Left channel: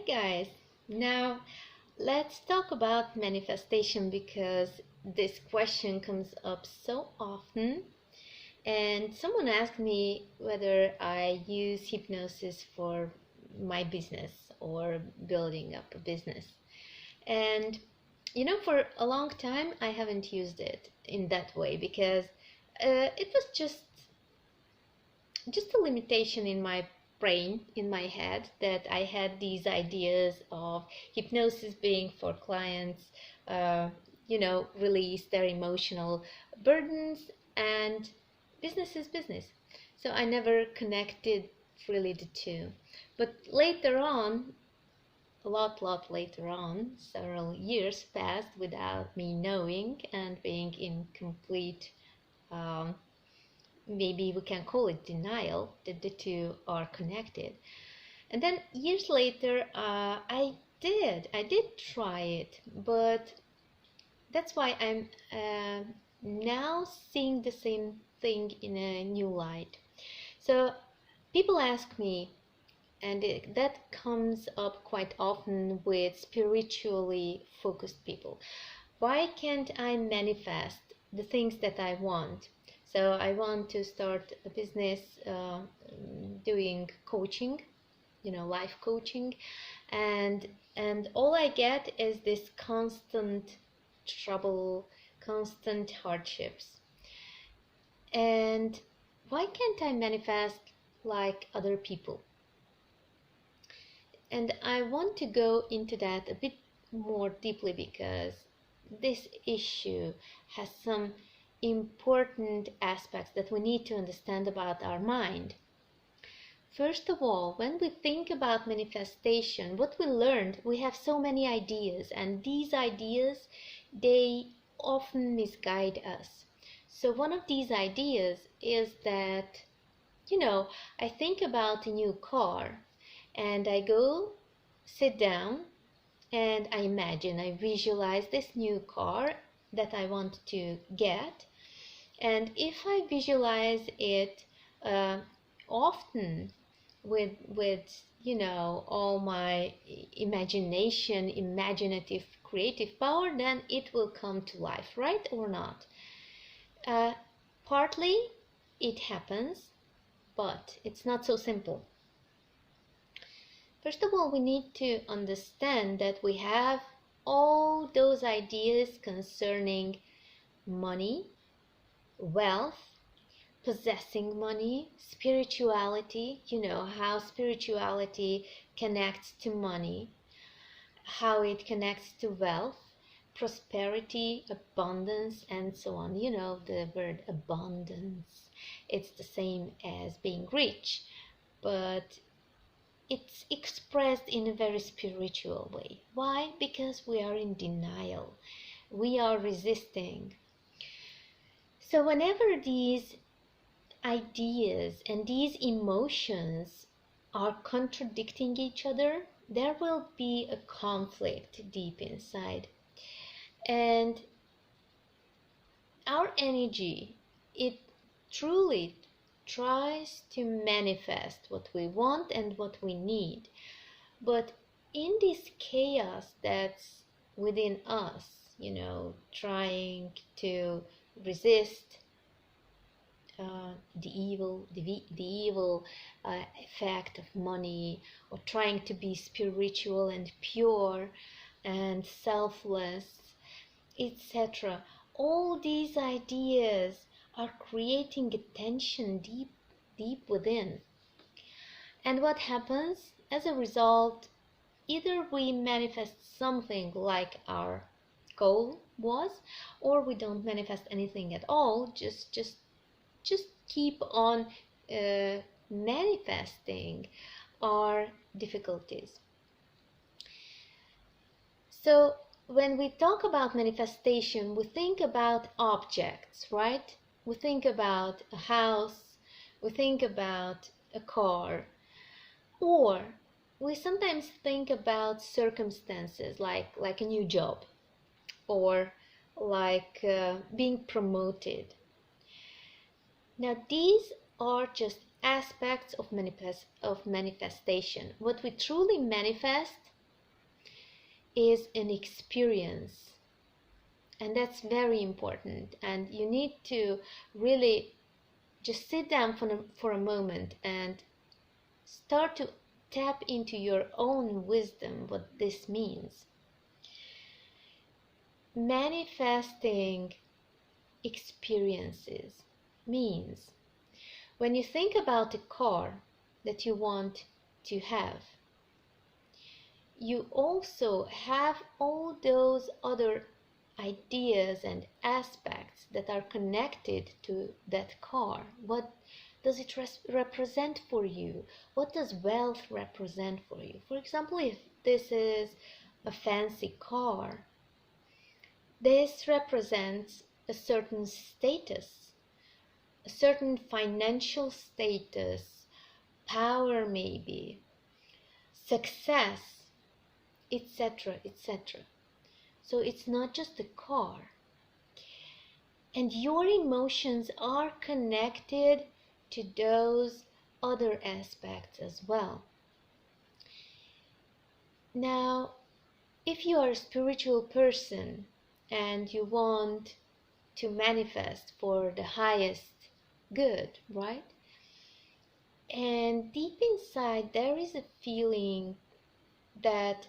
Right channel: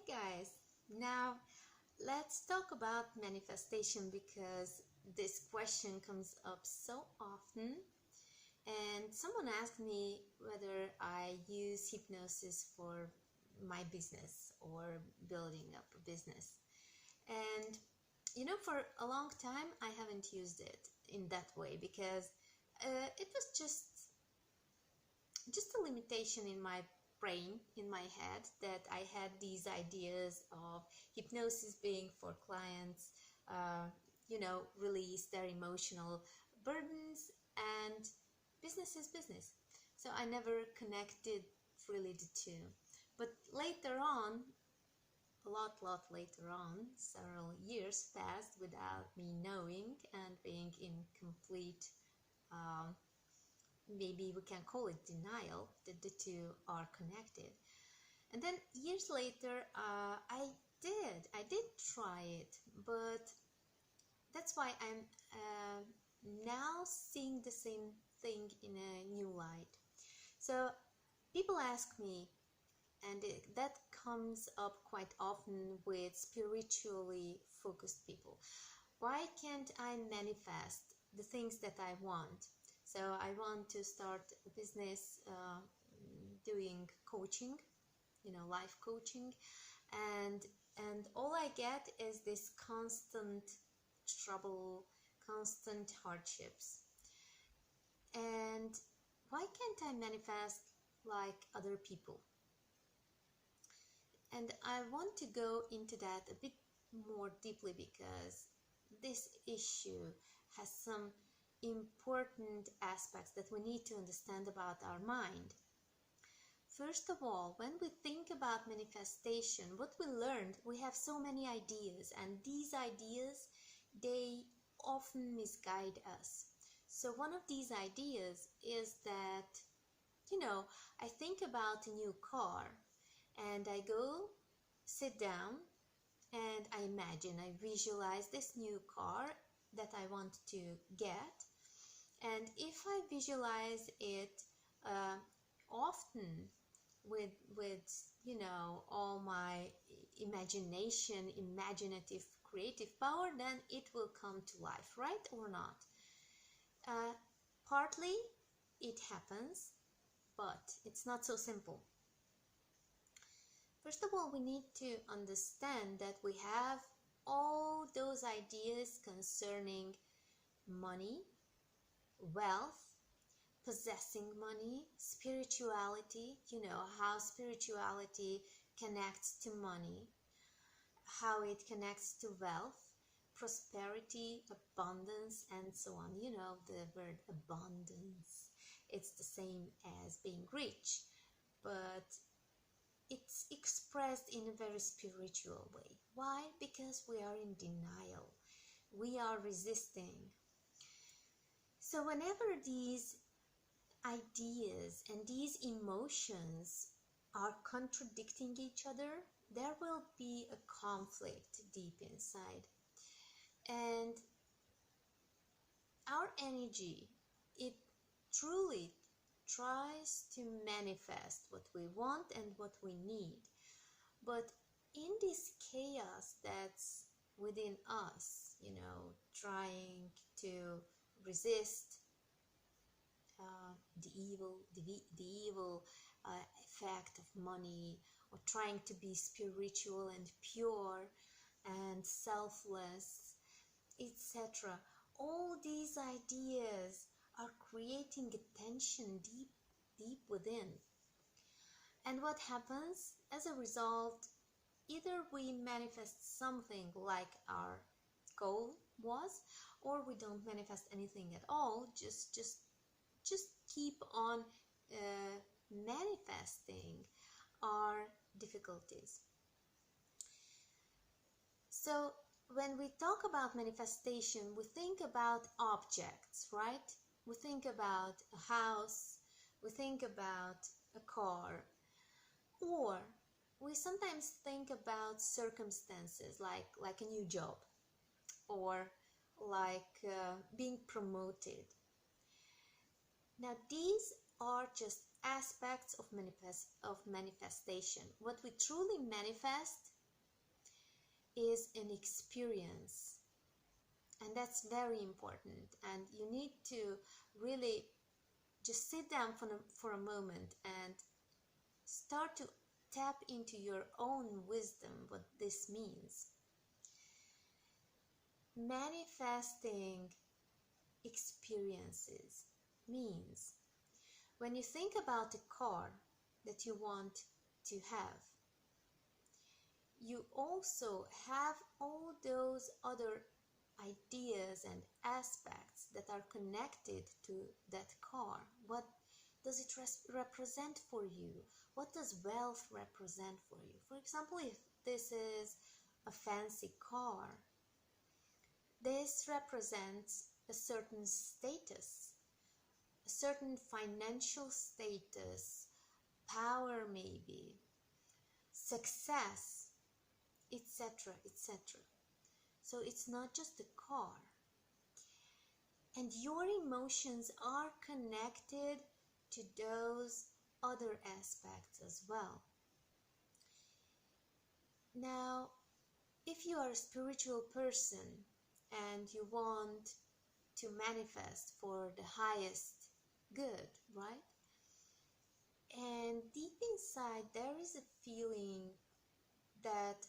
Hi guys. Now let's talk about manifestation because this question comes up so often. And someone asked me whether I use hypnosis for my business or building up a business. And for a long time, I haven't used it in that way because it was just a limitation in my brain, in my head, that I had these ideas of hypnosis being for clients, uh, release their emotional burdens, and business is business. So I never connected really the two. But later on, a lot later on, several years passed without me knowing and being in complete um, maybe we can call it denial that the two are connected. And then years later, I did try it, but that's why I'm now seeing the same thing in a new light. So people ask me, and that comes up quite often with spiritually focused people, why can't I manifest the things that I want? So I want to start a business doing coaching, life coaching, and all I get is this constant trouble, constant hardships. And why can't I manifest like other people? And I want to go into that a bit more deeply because this issue has some important aspects that we need to understand about our mind. First of all, when we think about manifestation, what we learned, we have so many ideas, and these ideas, they often misguide us. So one of these ideas is that, I think about a new car and I go sit down and I imagine, I visualize this new car that I want to get. And if I visualize it uh, often with all my imagination, imaginative, creative power, then it will come to life, right or not? Uh, Partly it happens, but it's not so simple. First of all, we need to understand that we have all those ideas concerning money, wealth, possessing money, spirituality, how spirituality connects to money, how it connects to wealth, prosperity, abundance, and so on. The word abundance, it's the same as being rich, but it's expressed in a very spiritual way. Why? Because we are in denial. We are resisting. So whenever these ideas and these emotions are contradicting each other, there will be a conflict deep inside. And our energy, it truly tries to manifest what we want and what we need. But in this chaos that's within us, trying to resist the evil effect of money, or trying to be spiritual and pure and selfless, etc. All these ideas are creating a tension deep within. And what happens as a result? Either we manifest something like our goal was, or we don't manifest anything at all, just keep on manifesting our difficulties. So when we talk about manifestation, we think about objects, right? We think about a house, we think about a car, or we sometimes think about circumstances like a new job, or like being promoted. Now these are just aspects of manifestation. What we truly manifest is an experience, and that's very important. And you need to really just sit down for a moment and start to tap into your own wisdom, what this means. Manifesting experiences means when you think about a car that you want to have, you also have all those other ideas and aspects that are connected to that car. What does it represent for you? What does wealth represent for you? For example, if this is a fancy car, this represents a certain status, a certain financial status, power maybe, success, etc., etc. So it's not just a car. And your emotions are connected to those other aspects as well. Now, if you are a spiritual person and you want to manifest for the highest good, right? And deep inside, there is a feeling that,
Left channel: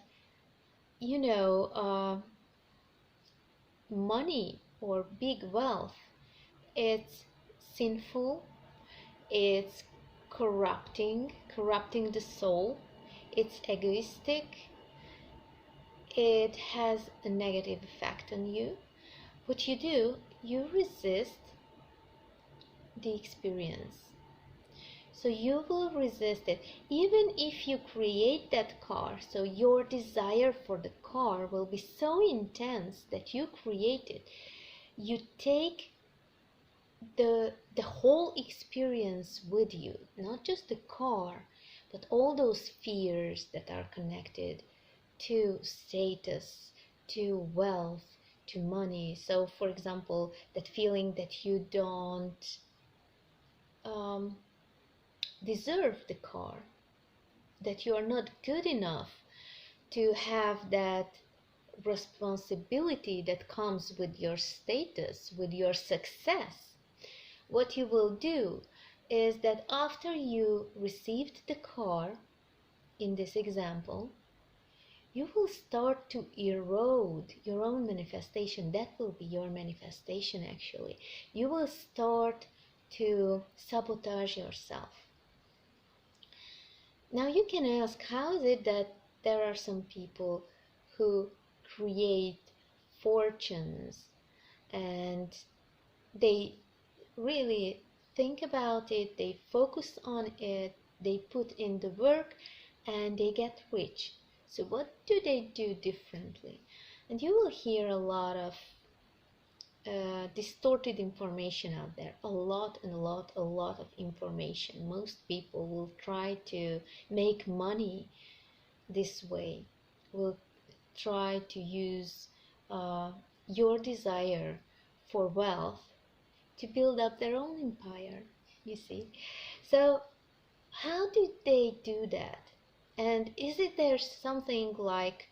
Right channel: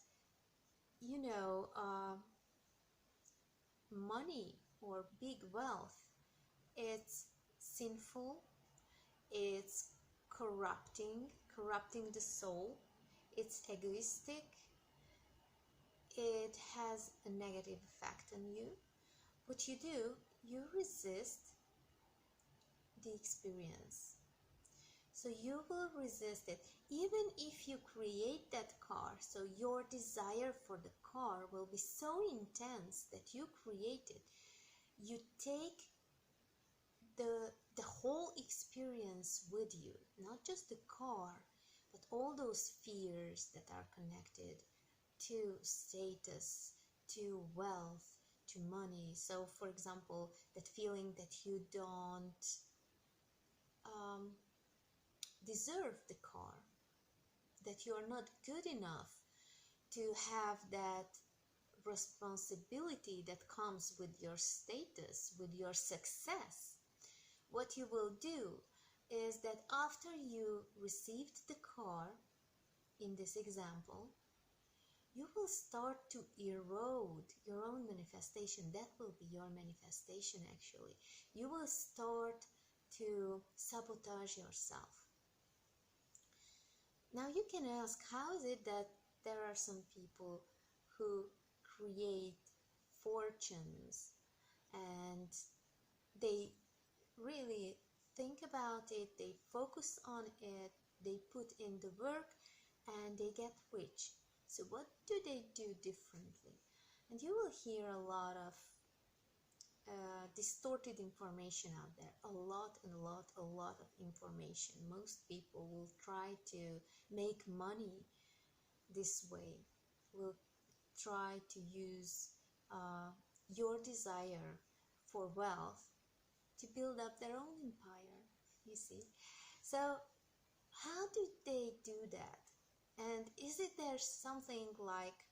money or big wealth, it's sinful, it's corrupting the soul, it's egoistic, it has a negative effect on you. What you do, you resist the experience. So you will resist it even if you create that car. So your desire for the car will be so intense that you create it. You take the whole experience with you, not just the car, but all those fears that are connected to status, to wealth, to money. So for example, that feeling that you don't deserve the car, that you are not good enough to have that responsibility that comes with your status, with your success. What you will do is that after you received the car, in this example, you will start to erode your own manifestation. That will be your manifestation actually. You will start to sabotage yourself. Now you can ask, how is it that there are some people who create fortunes and they really think about it, they focus on it, they put in the work and they get rich? So what do they do differently? And you will hear a lot of distorted information out there, a lot of information. Most people will try to make money this way, will try to use your desire for wealth to build up their own empire, you see. So how do they do that? And is it there something like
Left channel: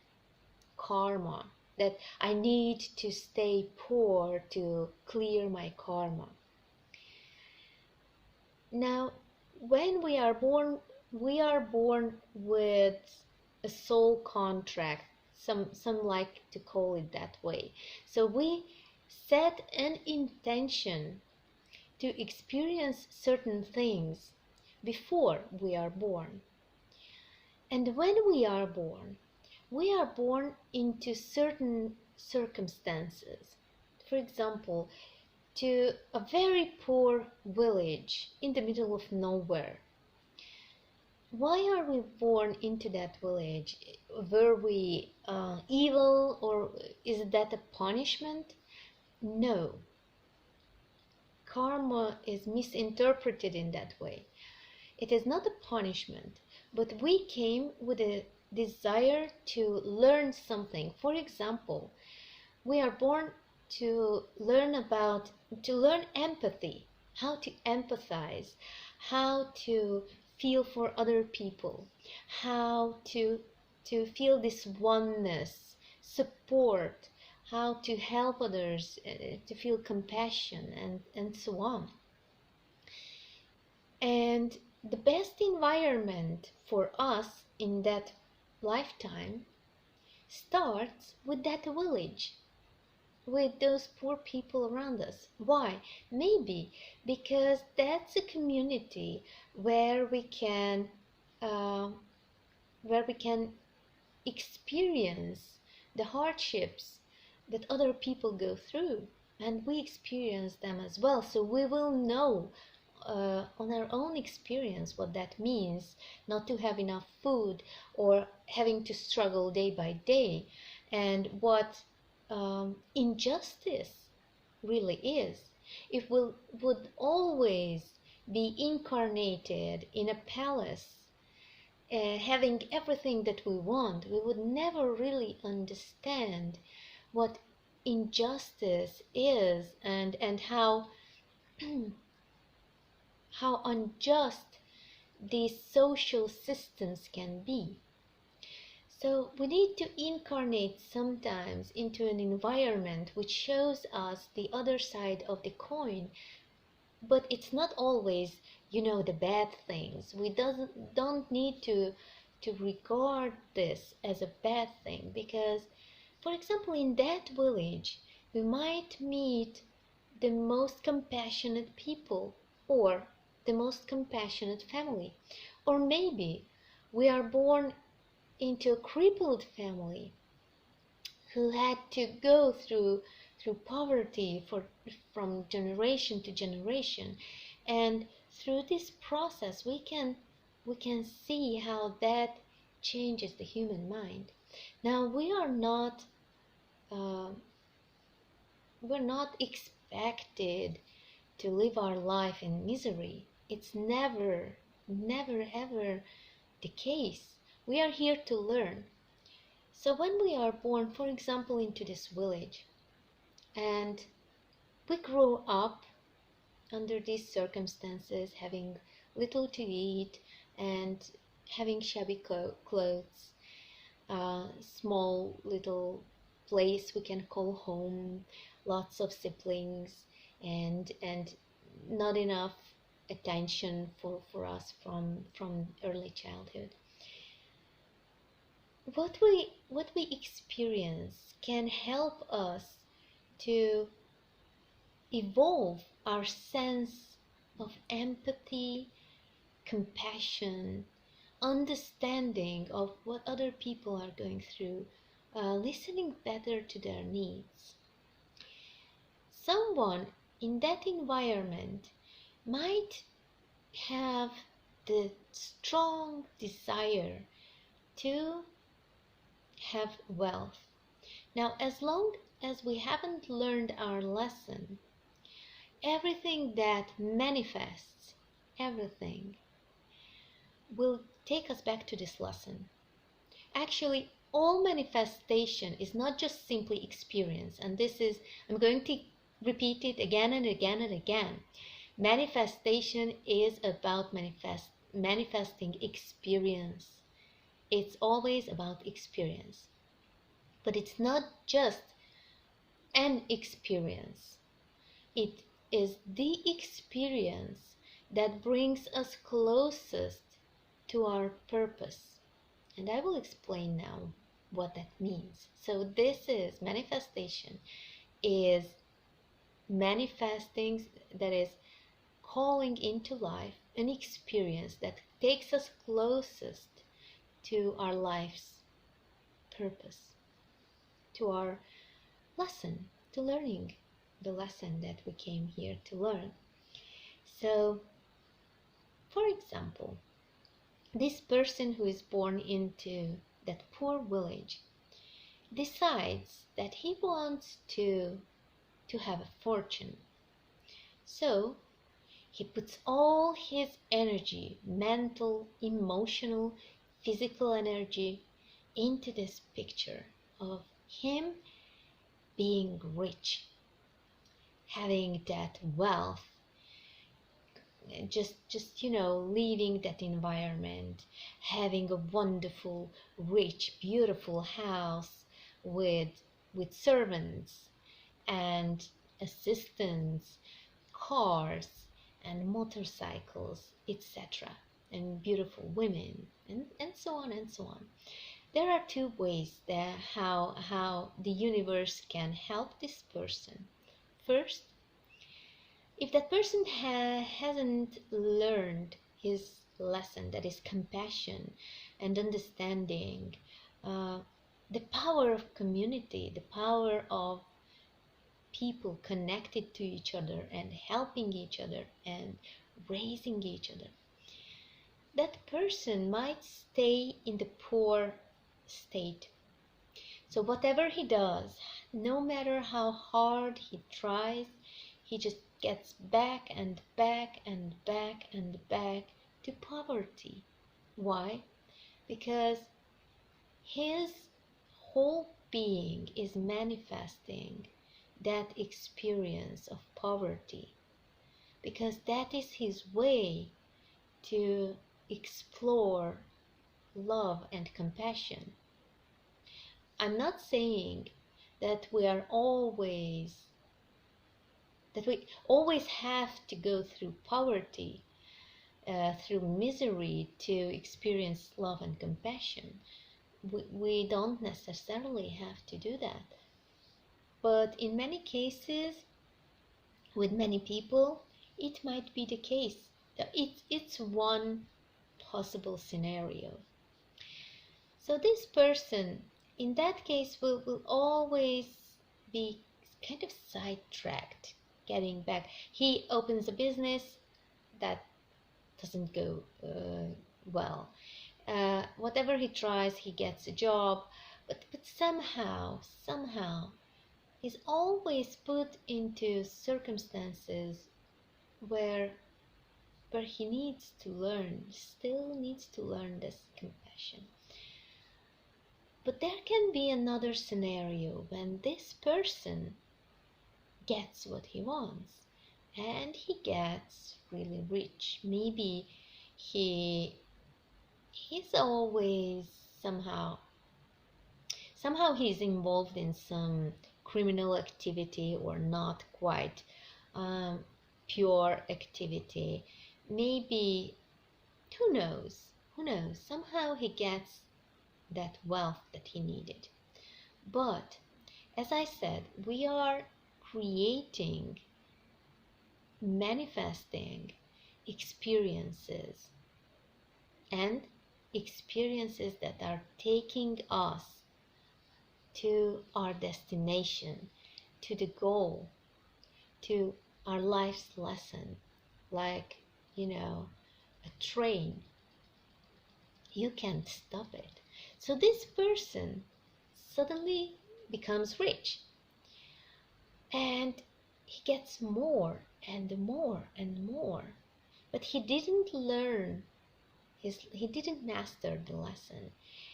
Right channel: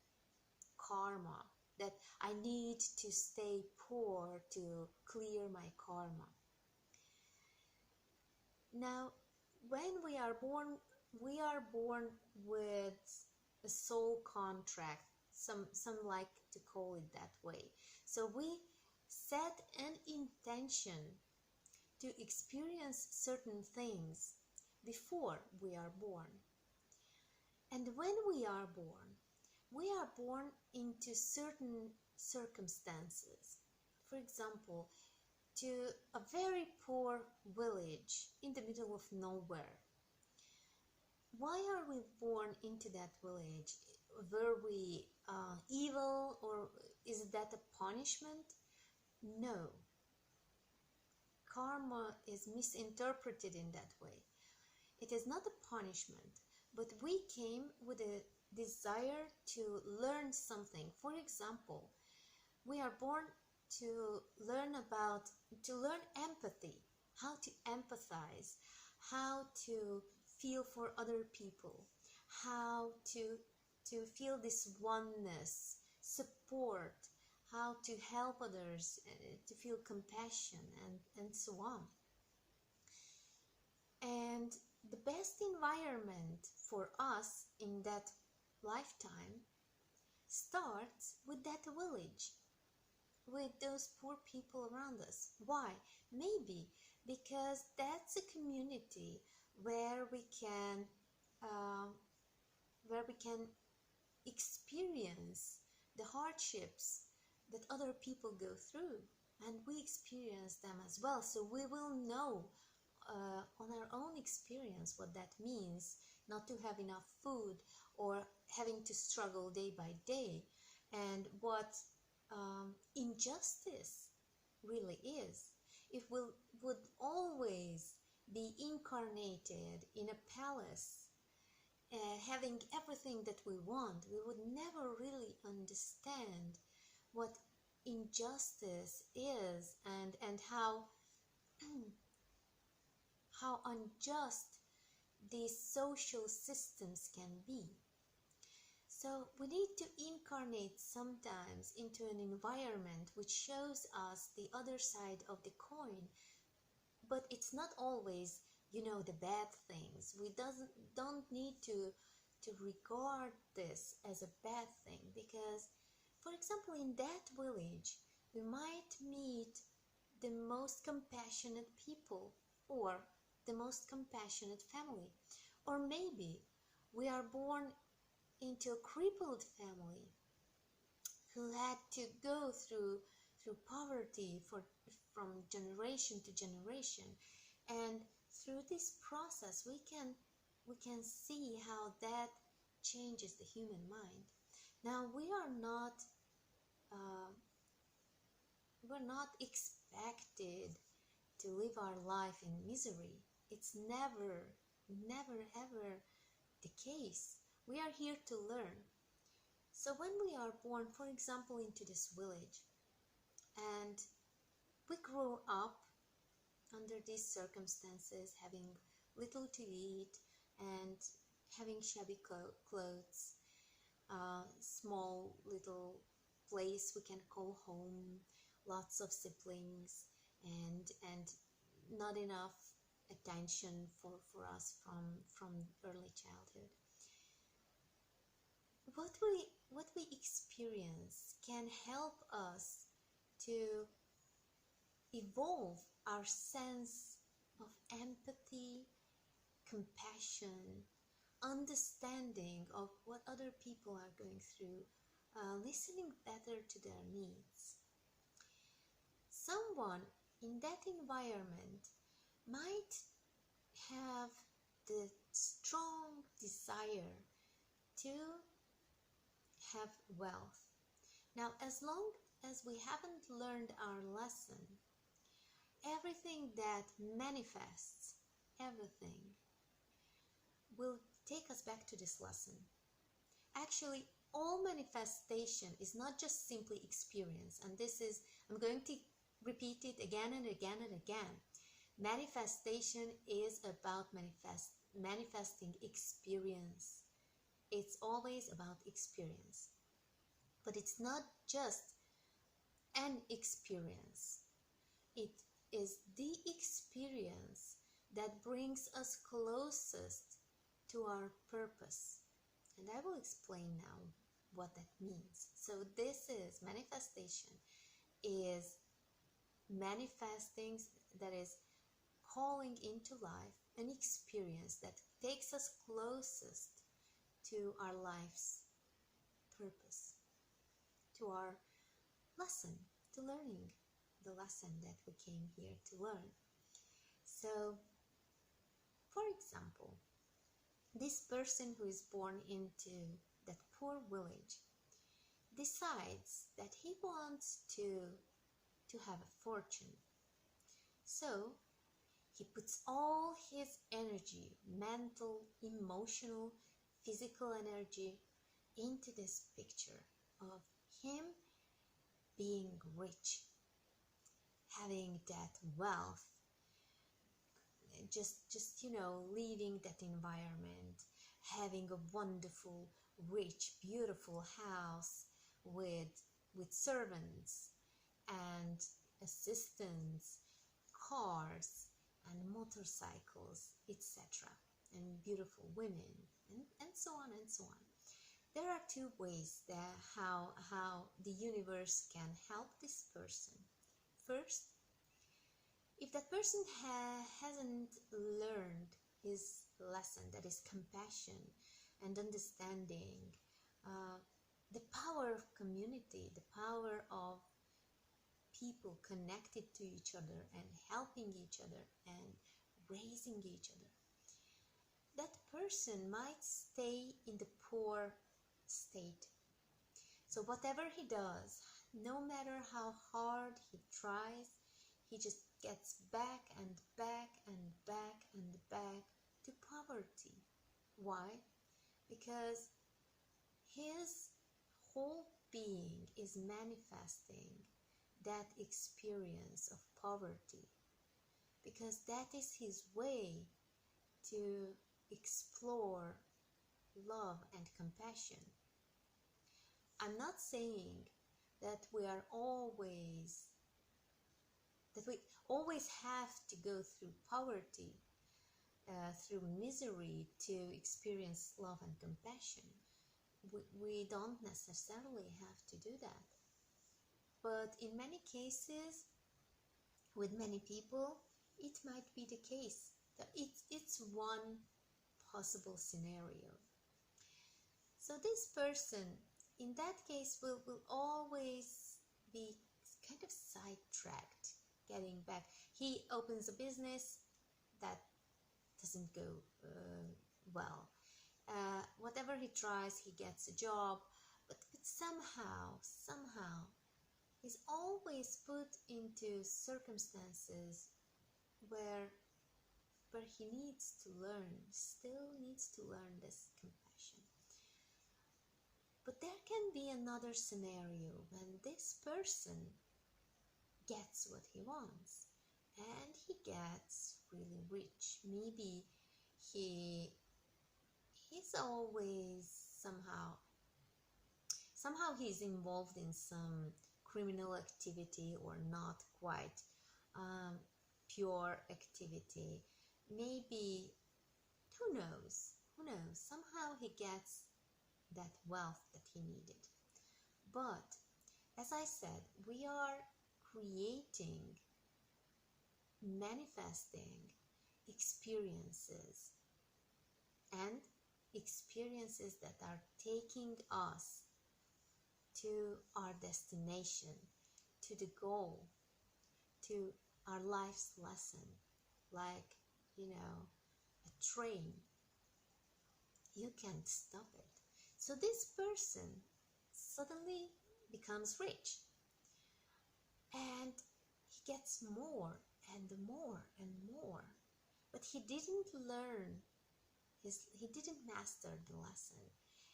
karma, that I need to stay poor to clear my karma? Now, when we are born with a soul contract. Some like to call it that way. So we set an intention to experience certain things before we are born. And when we are born into certain circumstances. For example, to a very poor village in the middle of nowhere. Why are we born into that village? Were we evil, or is that a punishment? No. Karma is misinterpreted in that way. It is not a punishment, but we came with a desire to learn something. For example, we are born to learn empathy, how to empathize, how to feel for other people, how to feel this oneness support, how to help others, to feel compassion, and so on. And the best environment for us in that lifetime starts with that village, with those poor people around us. Why? Maybe because that's a community where we can uh, where we can experience the hardships that other people go through, and we experience them as well, so we will know on our own experience what that means not to have enough food or having to struggle day by day, and what injustice really is. If we would always be incarnated in a palace, having everything that we want, we would never really understand what injustice is, and how unjust these social systems can be. So we need to incarnate sometimes into an environment which shows us the other side of the coin, but it's not always, the bad things. We don't need to regard this as a bad thing, because, for example, in that village we might meet the most compassionate people, or the most compassionate family, or maybe we are born into a crippled family who had to go through poverty from generation to generation, and through this process we can see how that changes the human mind. Now uh, we're not expected to live our life in misery. It's never ever the case. We are here to learn. So when we are born, for example, into this village, and we grow up under these circumstances, having little to eat and having shabby clothes, small little place we can call home, lots of siblings, and not enough attention for us from early childhood. What we experience can help us to evolve our sense of empathy, compassion, understanding of what other people are going through, listening better to their needs. Someone in that environment might have the strong desire to have wealth. Now, as long as we haven't learned our lesson, everything that manifests, everything will take us back to this lesson. Actually, all manifestation is not just simply experience, and I'm going to repeat it again and again and again. Manifestation is about manifesting experience. It's always about experience. But it's not just an experience. It is the experience that brings us closest to our purpose. And I will explain now what that means. So manifestation is manifesting, that is calling into life an experience that takes us closest to our life's purpose, to our lesson, to learning the lesson that we came here to learn. So, for example, this person who is born into that poor village decides that he wants to have a fortune. So he puts all his energy, mental, emotional, physical energy, into this picture of him being rich, having that wealth, just leaving that environment, having a wonderful, rich, beautiful house with servants and assistants, cars and motorcycles, etc., and beautiful women, and so on and so on. There are two ways that how the universe can help this person. First, if that person hasn't learned his lesson, that is compassion and understanding, uh, the power of community, the power of people connected to each other and helping each other and raising each other, that person might stay in the poor state. So whatever he does, no matter how hard he tries, he just gets back and back and back and back to poverty. Why? Because his whole being is manifesting that experience of poverty, because that is his way to explore love and compassion. I'm not saying that we always have to go through poverty, through misery to experience love and compassion. We don't necessarily have to do that. But in many cases, with many people, it might be the case. It's one possible scenario. So this person, in that case, will always be kind of sidetracked, getting back. He opens a business that doesn't go well. Whatever he tries, he gets a job, but somehow, he's always put into circumstances where he still needs to learn this compassion. But there can be another scenario when this person gets what he wants and he gets really rich. Maybe he's always somehow he's involved in some criminal activity or not quite pure activity. Maybe, who knows, somehow he gets that wealth that he needed. But as I said, we are creating, manifesting experiences, and experiences that are taking us to our destination, to the goal, to our life's lesson, like, a train. You can't stop it. So this person suddenly becomes rich and he gets more and more and more. But he didn't master the lesson.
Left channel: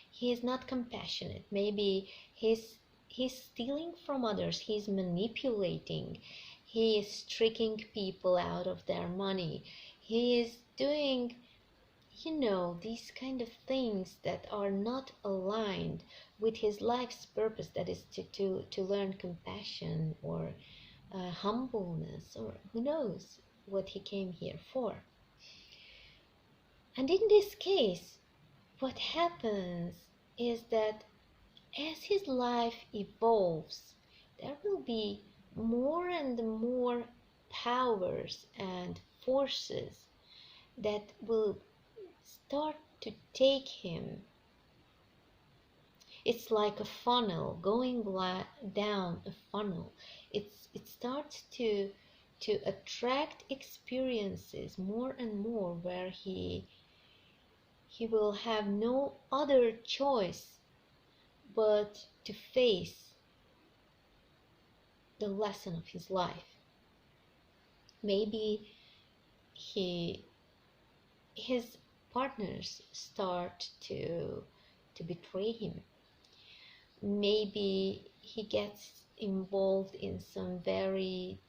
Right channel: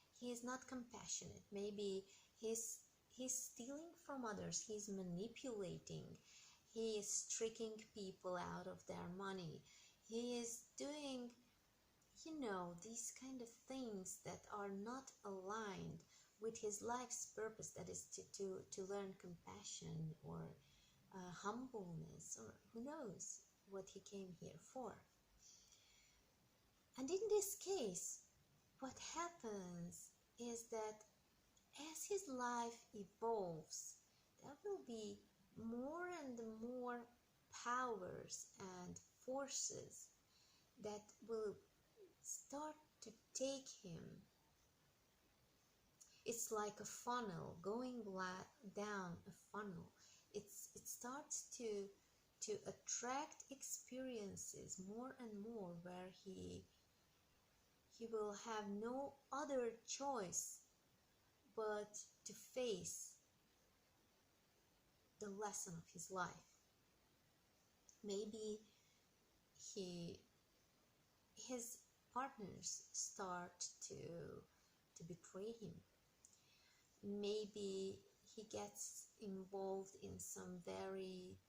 He is not compassionate. Maybe he's stealing from others. He's manipulating. He is tricking people out of their money. He is doing, these kind of things that are not aligned with his life's purpose, that is to learn compassion or humbleness, or who knows what he came here for. And in this case, what happens is that as his life evolves, there will be more and more powers and forces that will start to take him. It's like a funnel going down a funnel. It starts to attract experiences more and more where he will have no other choice but to face the lesson of his life. Maybe his partners start to betray him. Maybe he gets involved in some very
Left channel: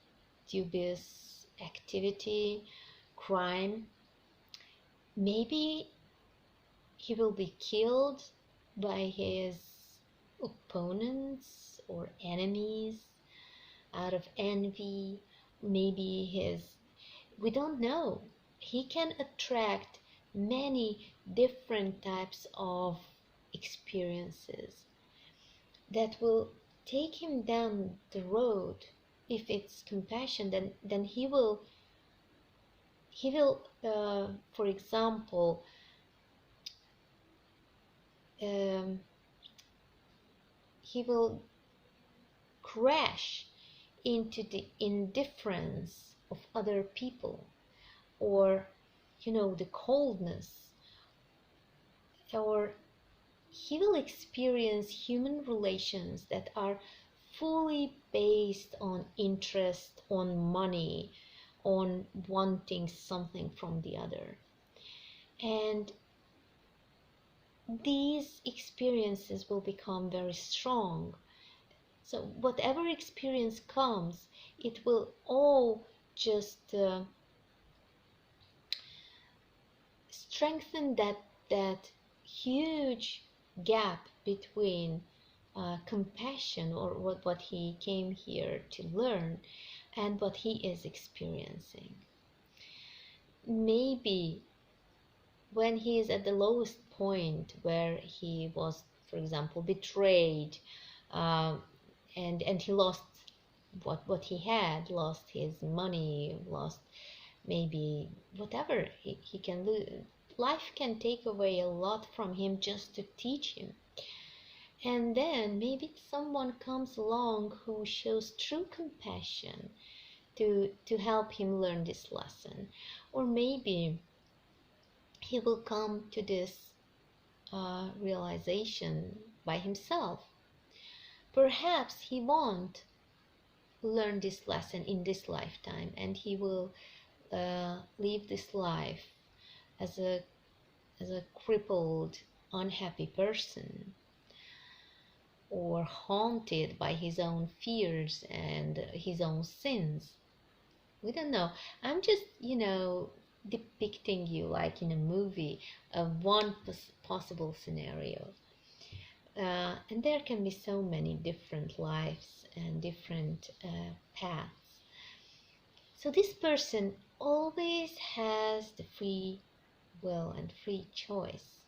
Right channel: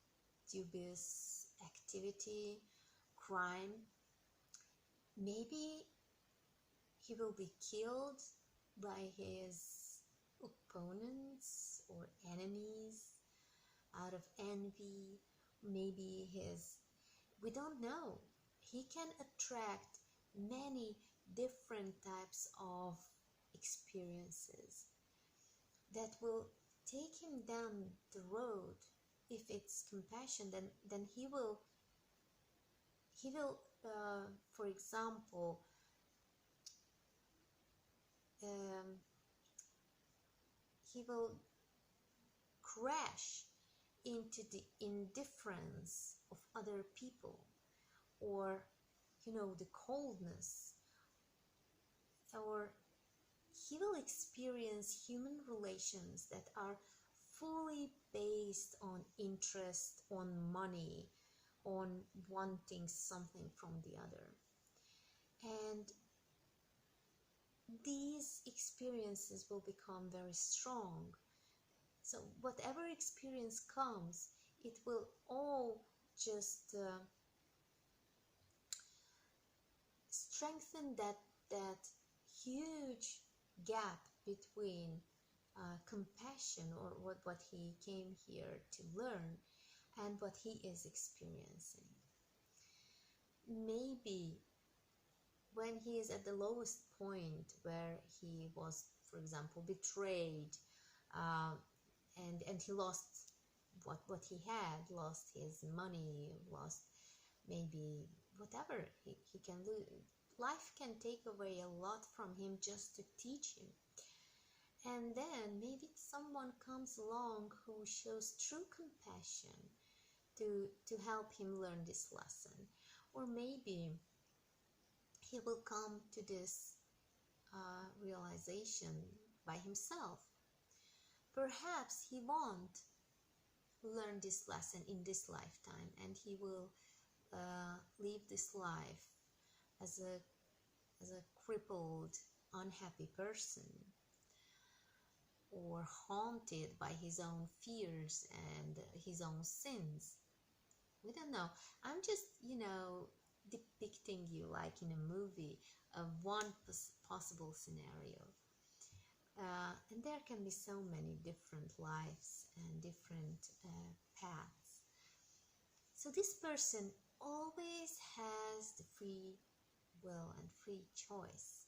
dubious activity, crime. Maybe he will be killed by his opponents or enemies, out of envy, maybe we don't know. He can attract many different types of experiences that will take him down the road. If it's compassion, then he will for example, um, he will crash into the indifference of other people, or the coldness, or he will experience human relations that are fully based on interest, on money, on wanting something from the other. And these experiences will become very strong. So whatever experience comes, it will all just strengthen that huge gap between compassion, or what he came here to learn, and what he is experiencing. Maybe when he is at the lowest point, where he was, for example, betrayed, um, and he lost what he had, lost his money, lost maybe whatever he can lose. Life can take away a lot from him just to teach him. And then maybe someone comes along who shows true compassion to help him learn this lesson. Or maybe he will come to this realization by himself. Perhaps he won't learn this lesson in this lifetime, and he will live this life as a crippled, unhappy person, or haunted by his own fears and his own sins. We don't know. I'm just, depicting you like in a movie of one possible scenario. And there can be so many different lives and different paths. So this person always has the free will and free choice,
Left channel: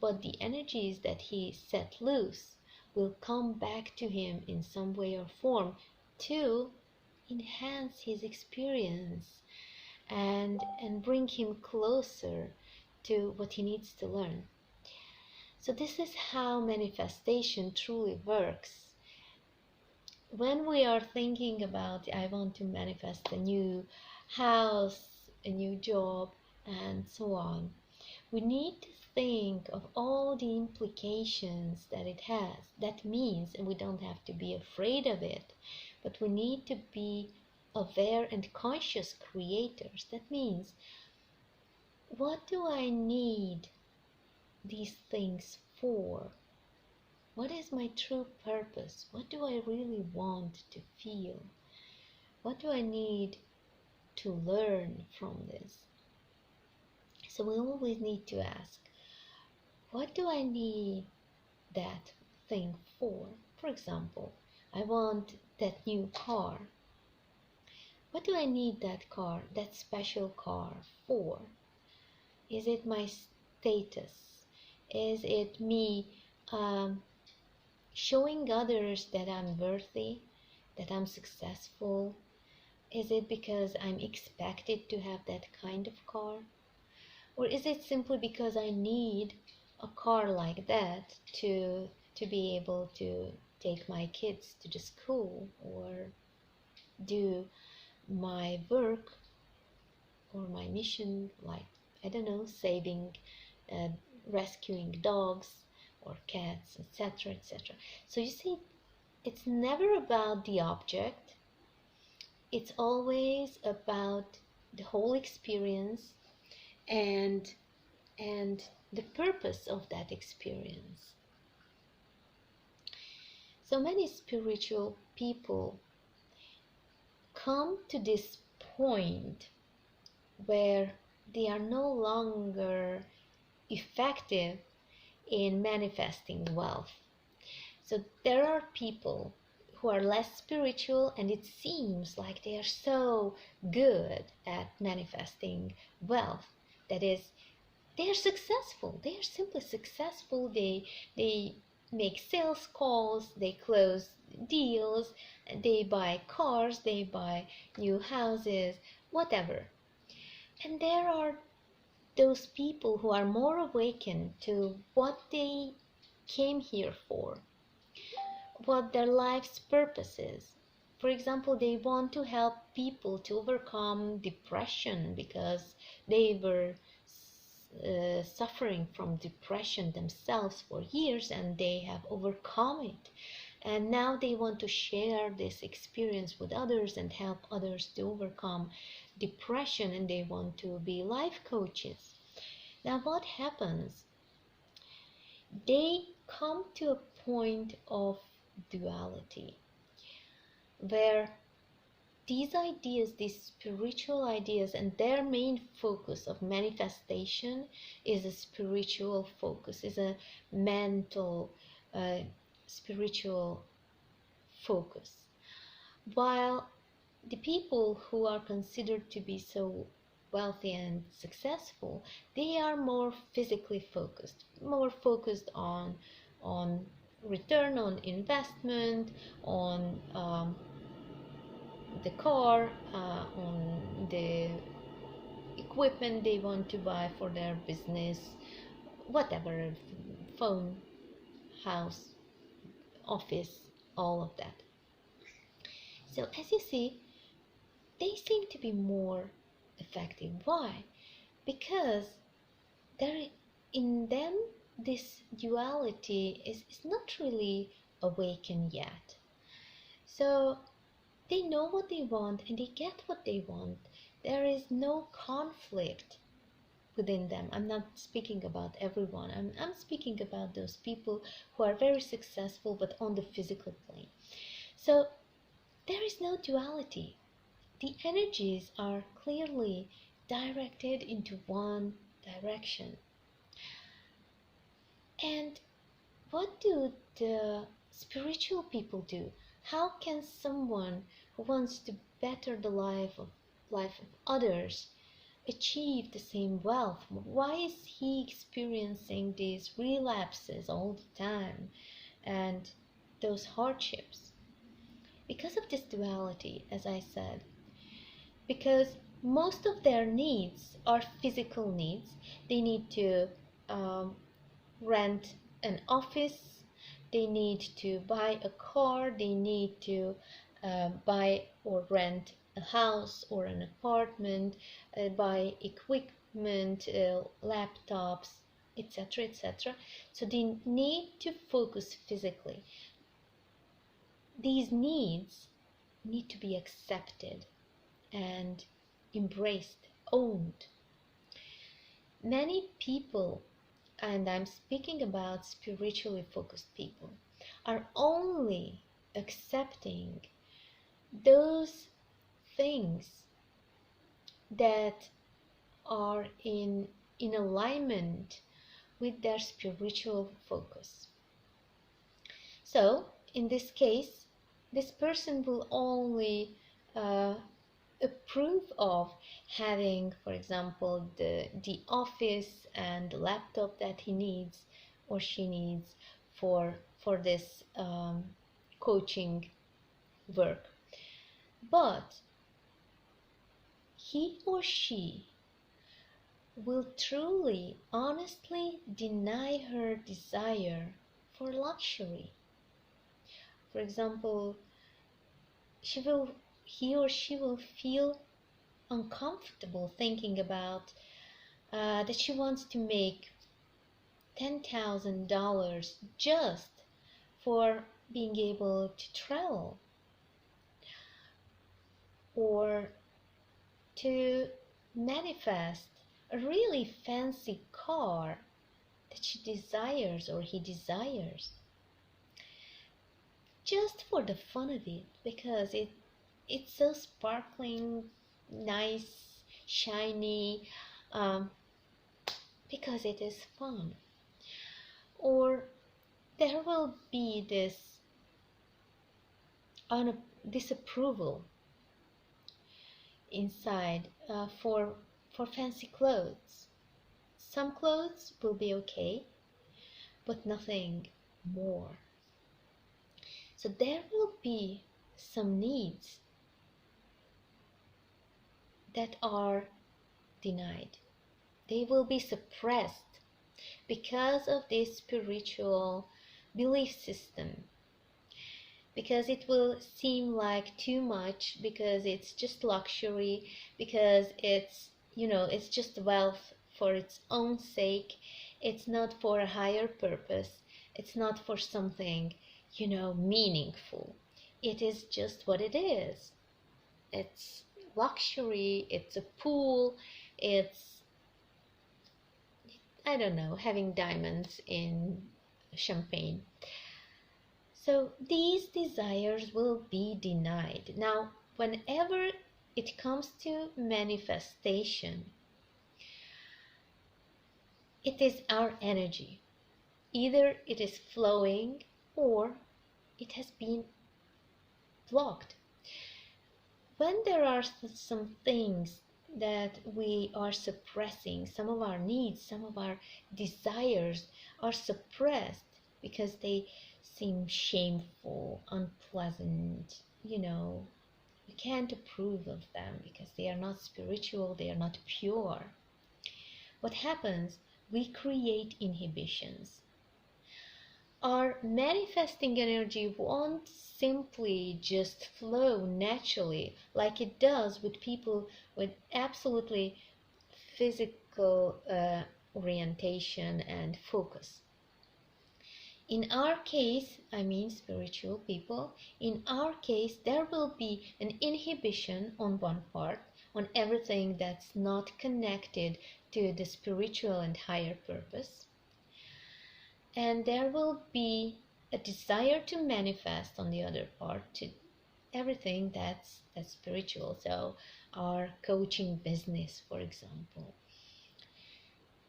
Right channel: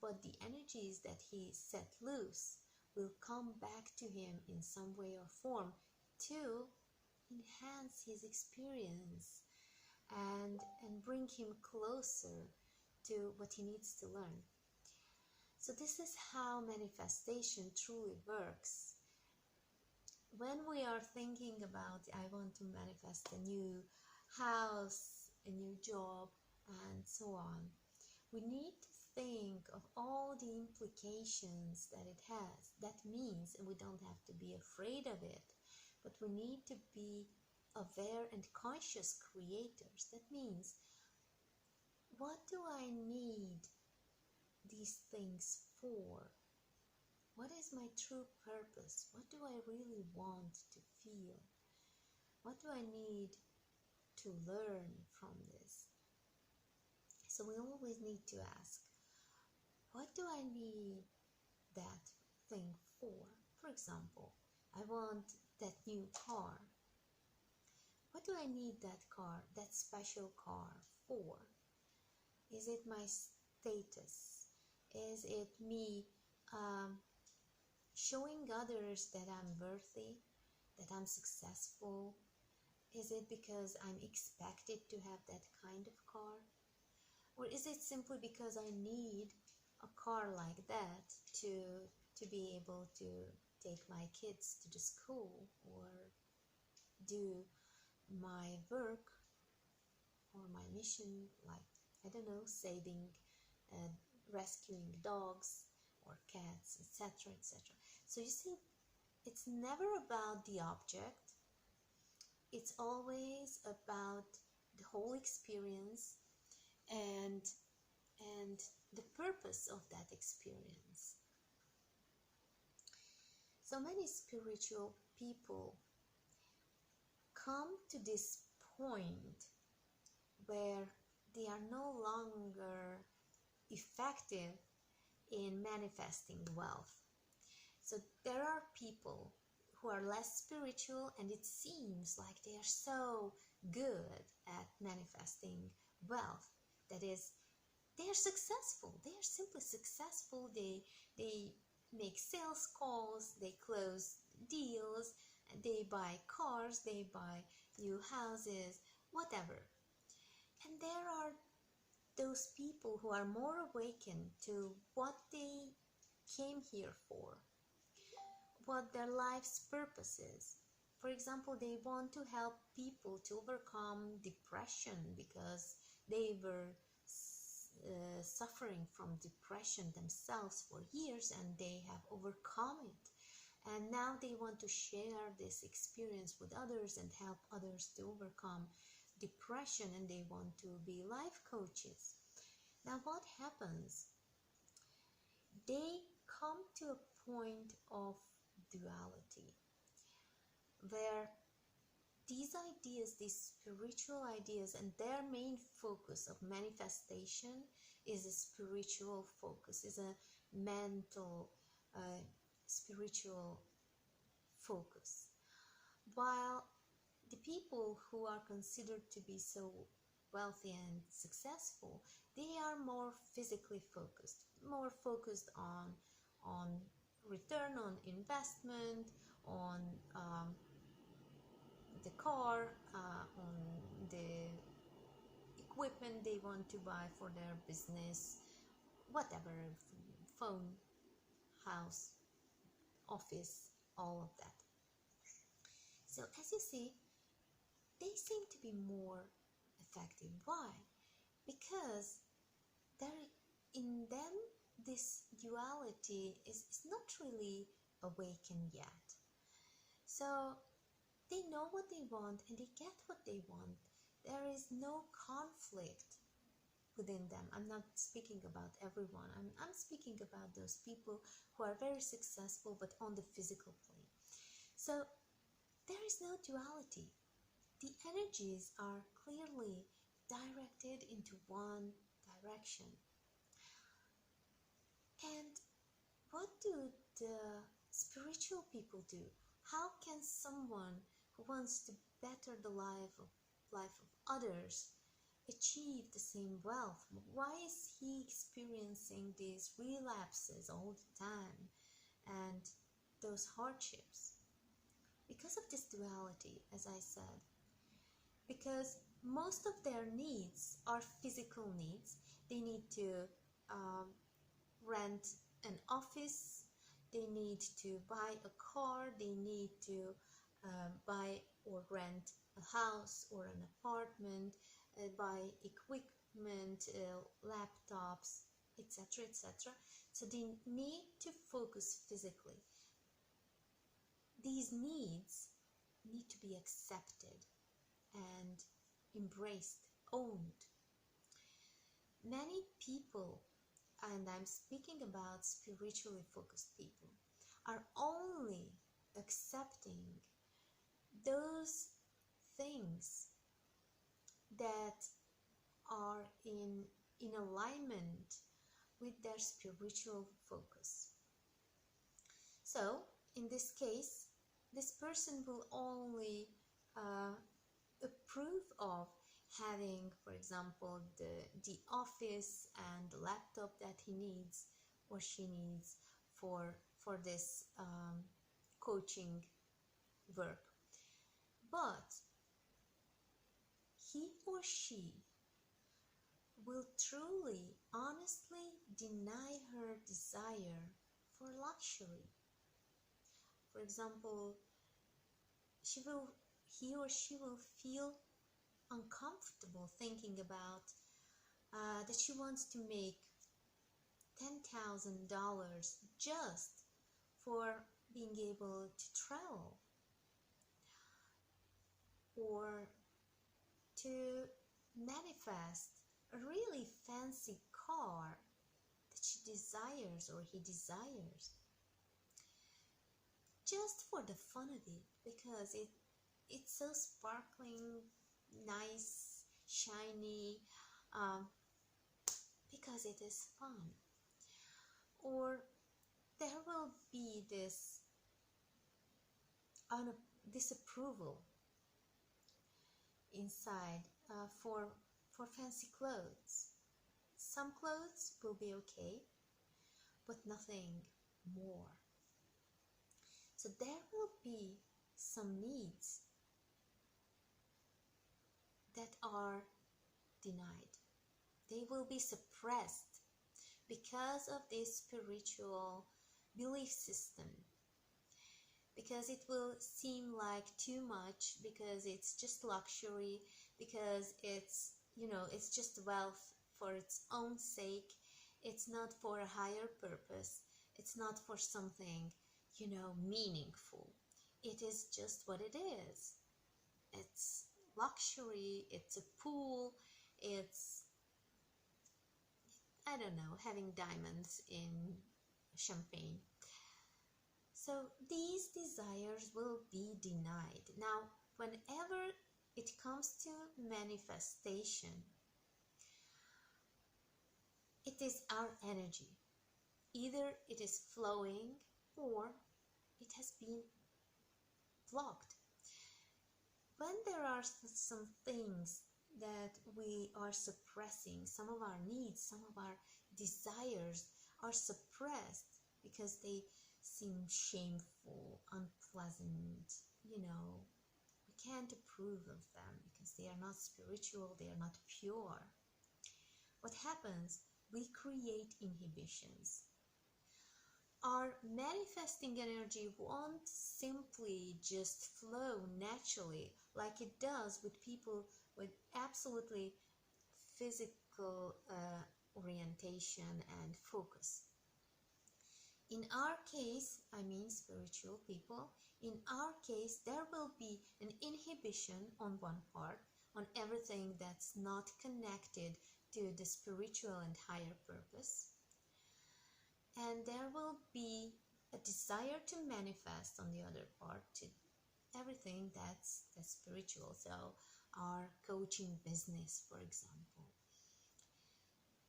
but the energies that he set loose will come back to him in some way or form to enhance his experience and bring him closer to what he needs to learn. So this is how manifestation truly works. When we are thinking about, I want to manifest a new house, a new job, and so on, we need to think of all the implications that it has. That means, and we don't have to be afraid of it, but we need to be aware and conscious creators. That means, what do I need these things for? What is my true purpose? What do I really want to feel? What do I need to learn from this? So we always need to ask, what do I need that thing for? For example, I want that new car. What do I need that car, that special car for? Is it my status? Is it me showing others that I'm worthy, that I'm successful? Is it because I'm expected to have that kind of car? Or is it simply because I need a car like that to be able to take my kids to the school, or do my work or my mission, like, I don't know, saving, rescuing dogs or cats, etc., etc. So you see, it's never about the object. It's always about the whole experience and the purpose of that experience. So many spiritual people come to this point where they are no longer effective in manifesting wealth. So So there are people who are less spiritual, and it seems like they are so good at manifesting wealth. That is, they are successful. They are simply successful. They make sales calls, they close deals, they buy cars, they buy new houses, whatever. And there are those people who are more awakened to what they came here for, what their life's purpose is. For example, they want to help people to overcome depression because they were suffering from depression themselves for years and they have overcome it. And now they want to share this experience with others and help others to overcome depression, and they want to be life coaches. Now, what happens? They come to a point of duality where these ideas, these spiritual ideas, and their main focus of manifestation is a spiritual focus, is a mental, spiritual focus. While the people who are considered to be so wealthy and successful, they are more physically focused, more focused on return on investment, on the car, on the equipment they want to buy for their business, whatever, phone, house, office, all of that. So as you see, they seem to be more effective. Why? Because there in them this duality is not really awakened yet. So they know what they want and they get what they want. There is no conflict within them. I'm not speaking about everyone. I'm speaking about those people who are very successful but on the physical plane. So there is no duality. The energies are clearly directed into one direction. And what do the spiritual people do? How can someone who wants to better the life of others achieve the same wealth? Why is he experiencing these relapses all the time and those hardships? Because of this duality, as I said, because most of their needs are physical needs. They need to um, rent an office, they need to buy a car, they need to buy or rent a house or an apartment, buy equipment, laptops, etc., etc. So they need to focus physically. These needs need to be accepted and embraced, owned. Many people, and I'm speaking about spiritually focused people, are only accepting those things that are in alignment with their spiritual focus. So in this case, this person will only uh, approve of having, for example, the office and the laptop that he needs or she needs for this coaching work. But he or she will truly, honestly deny her desire for luxury. For example, he or she will feel uncomfortable thinking about that she wants to make $10,000 just for being able to travel or to manifest a really fancy car that she desires or he desires just for the fun of it, because it's so sparkling, nice, shiny, um, because it is fun. Or there will be this disapproval inside for fancy clothes. Some clothes will be okay, but nothing more. So there will be some needs that are denied. They will be suppressed because of this spiritual belief system, because it will seem like too much, because it's just luxury, because it's just wealth for its own sake. It's not for a higher purpose. It's not for something, meaningful. It is just what it is. It's luxury, it's a pool, it's, I don't know, having diamonds in champagne. So these desires will be denied. Now, whenever it comes to manifestation, it is our energy. Either it is flowing or it has been blocked. When there are some things that we are suppressing, some of our needs, some of our desires are suppressed because they seem shameful, unpleasant, we can't approve of them because they are not spiritual, they are not pure. What happens? We create inhibitions. Our manifesting energy won't simply just flow naturally like it does with people with absolutely physical orientation and focus. In our case, I mean spiritual people, in our case, there will be an inhibition on one part, on everything that's not connected to the spiritual and higher purpose. And there will be a desire to manifest on the other part, to everything that's spiritual. So our coaching business, for example.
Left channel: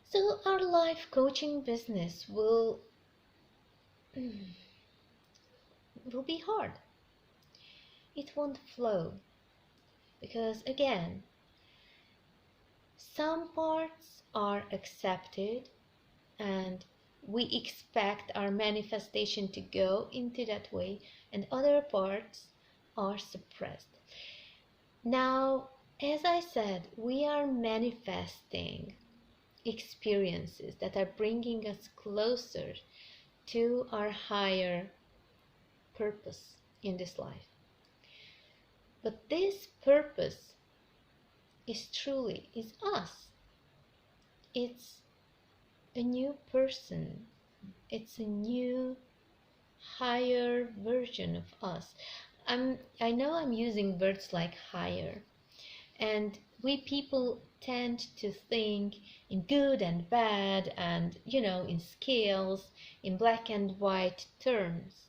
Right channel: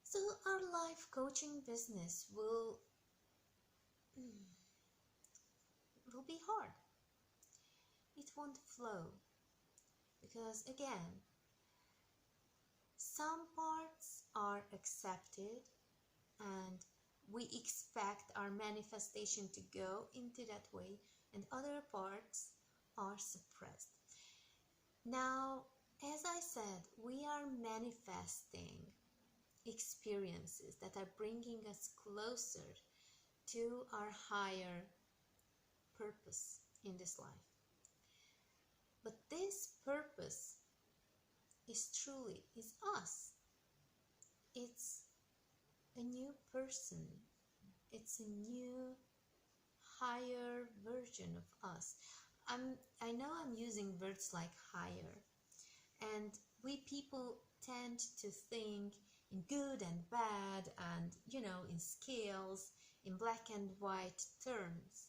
So our life coaching business will be hard. It won't flow because, again, some parts are accepted and we expect our manifestation to go into that way, and other parts are suppressed. Now, as I said, we are manifesting experiences that are bringing us closer to our higher purpose in this life. But this purpose is us. It's a new person. It's a new higher version of us. I know I'm using words like higher, and we people tend to think in good and bad and, in scales, in black and white terms.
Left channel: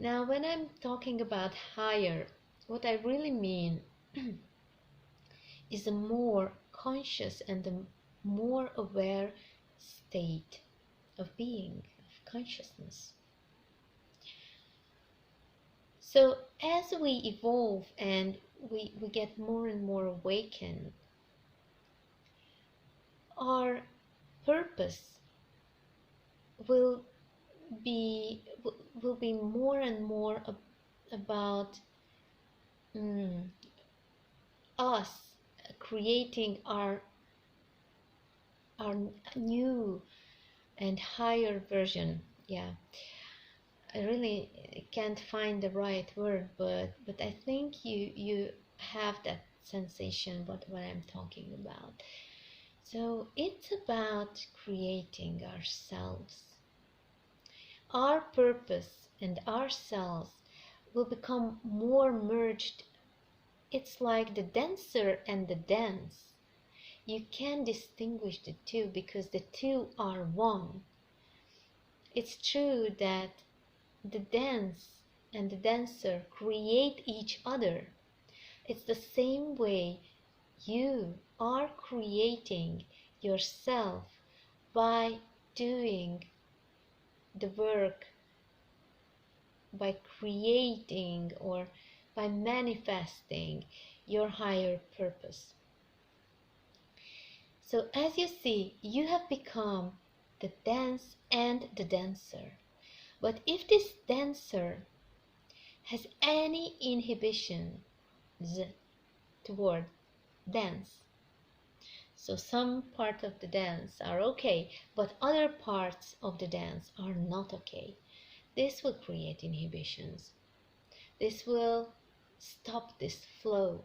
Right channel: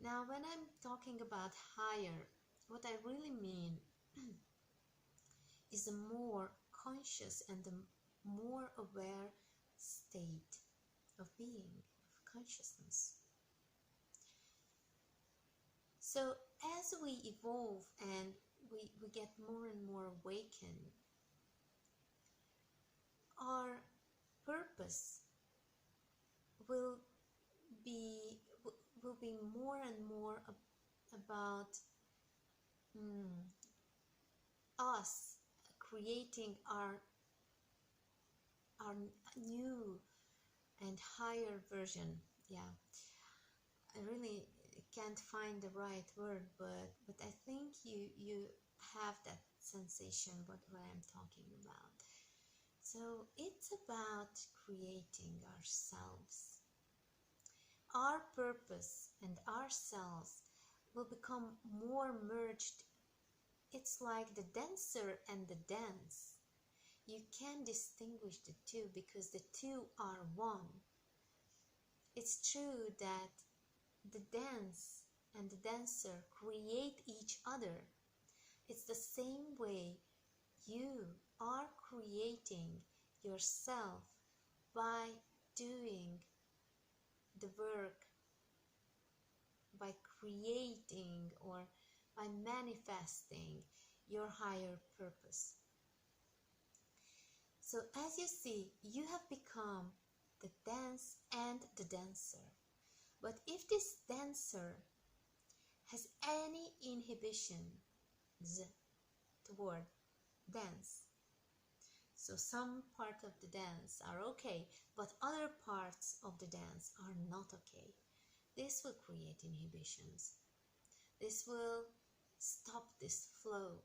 Now, when I'm talking about higher, what I really mean is a more conscious and a more aware state of being, of consciousness. So as we evolve and we get more and more awakened, our purpose will be more and more about us creating our new and higher version. Yeah, I really can't find the right word, but I think you have that sensation what I'm talking about. So it's about creating ourselves. Our purpose and ourselves will become more merged. It's like the dancer and the dance. You can distinguish the two because the two are one. It's true that the dance and the dancer create each other. It's the same way you are creating yourself by doing the work by creating or by manifesting your higher purpose. So as you see, you have become the dance and the dancer. But if this dancer has any inhibitions toward dance, so some part of the dance are okay, but other parts of the dance are not okay, this will create inhibitions. This will stop this flow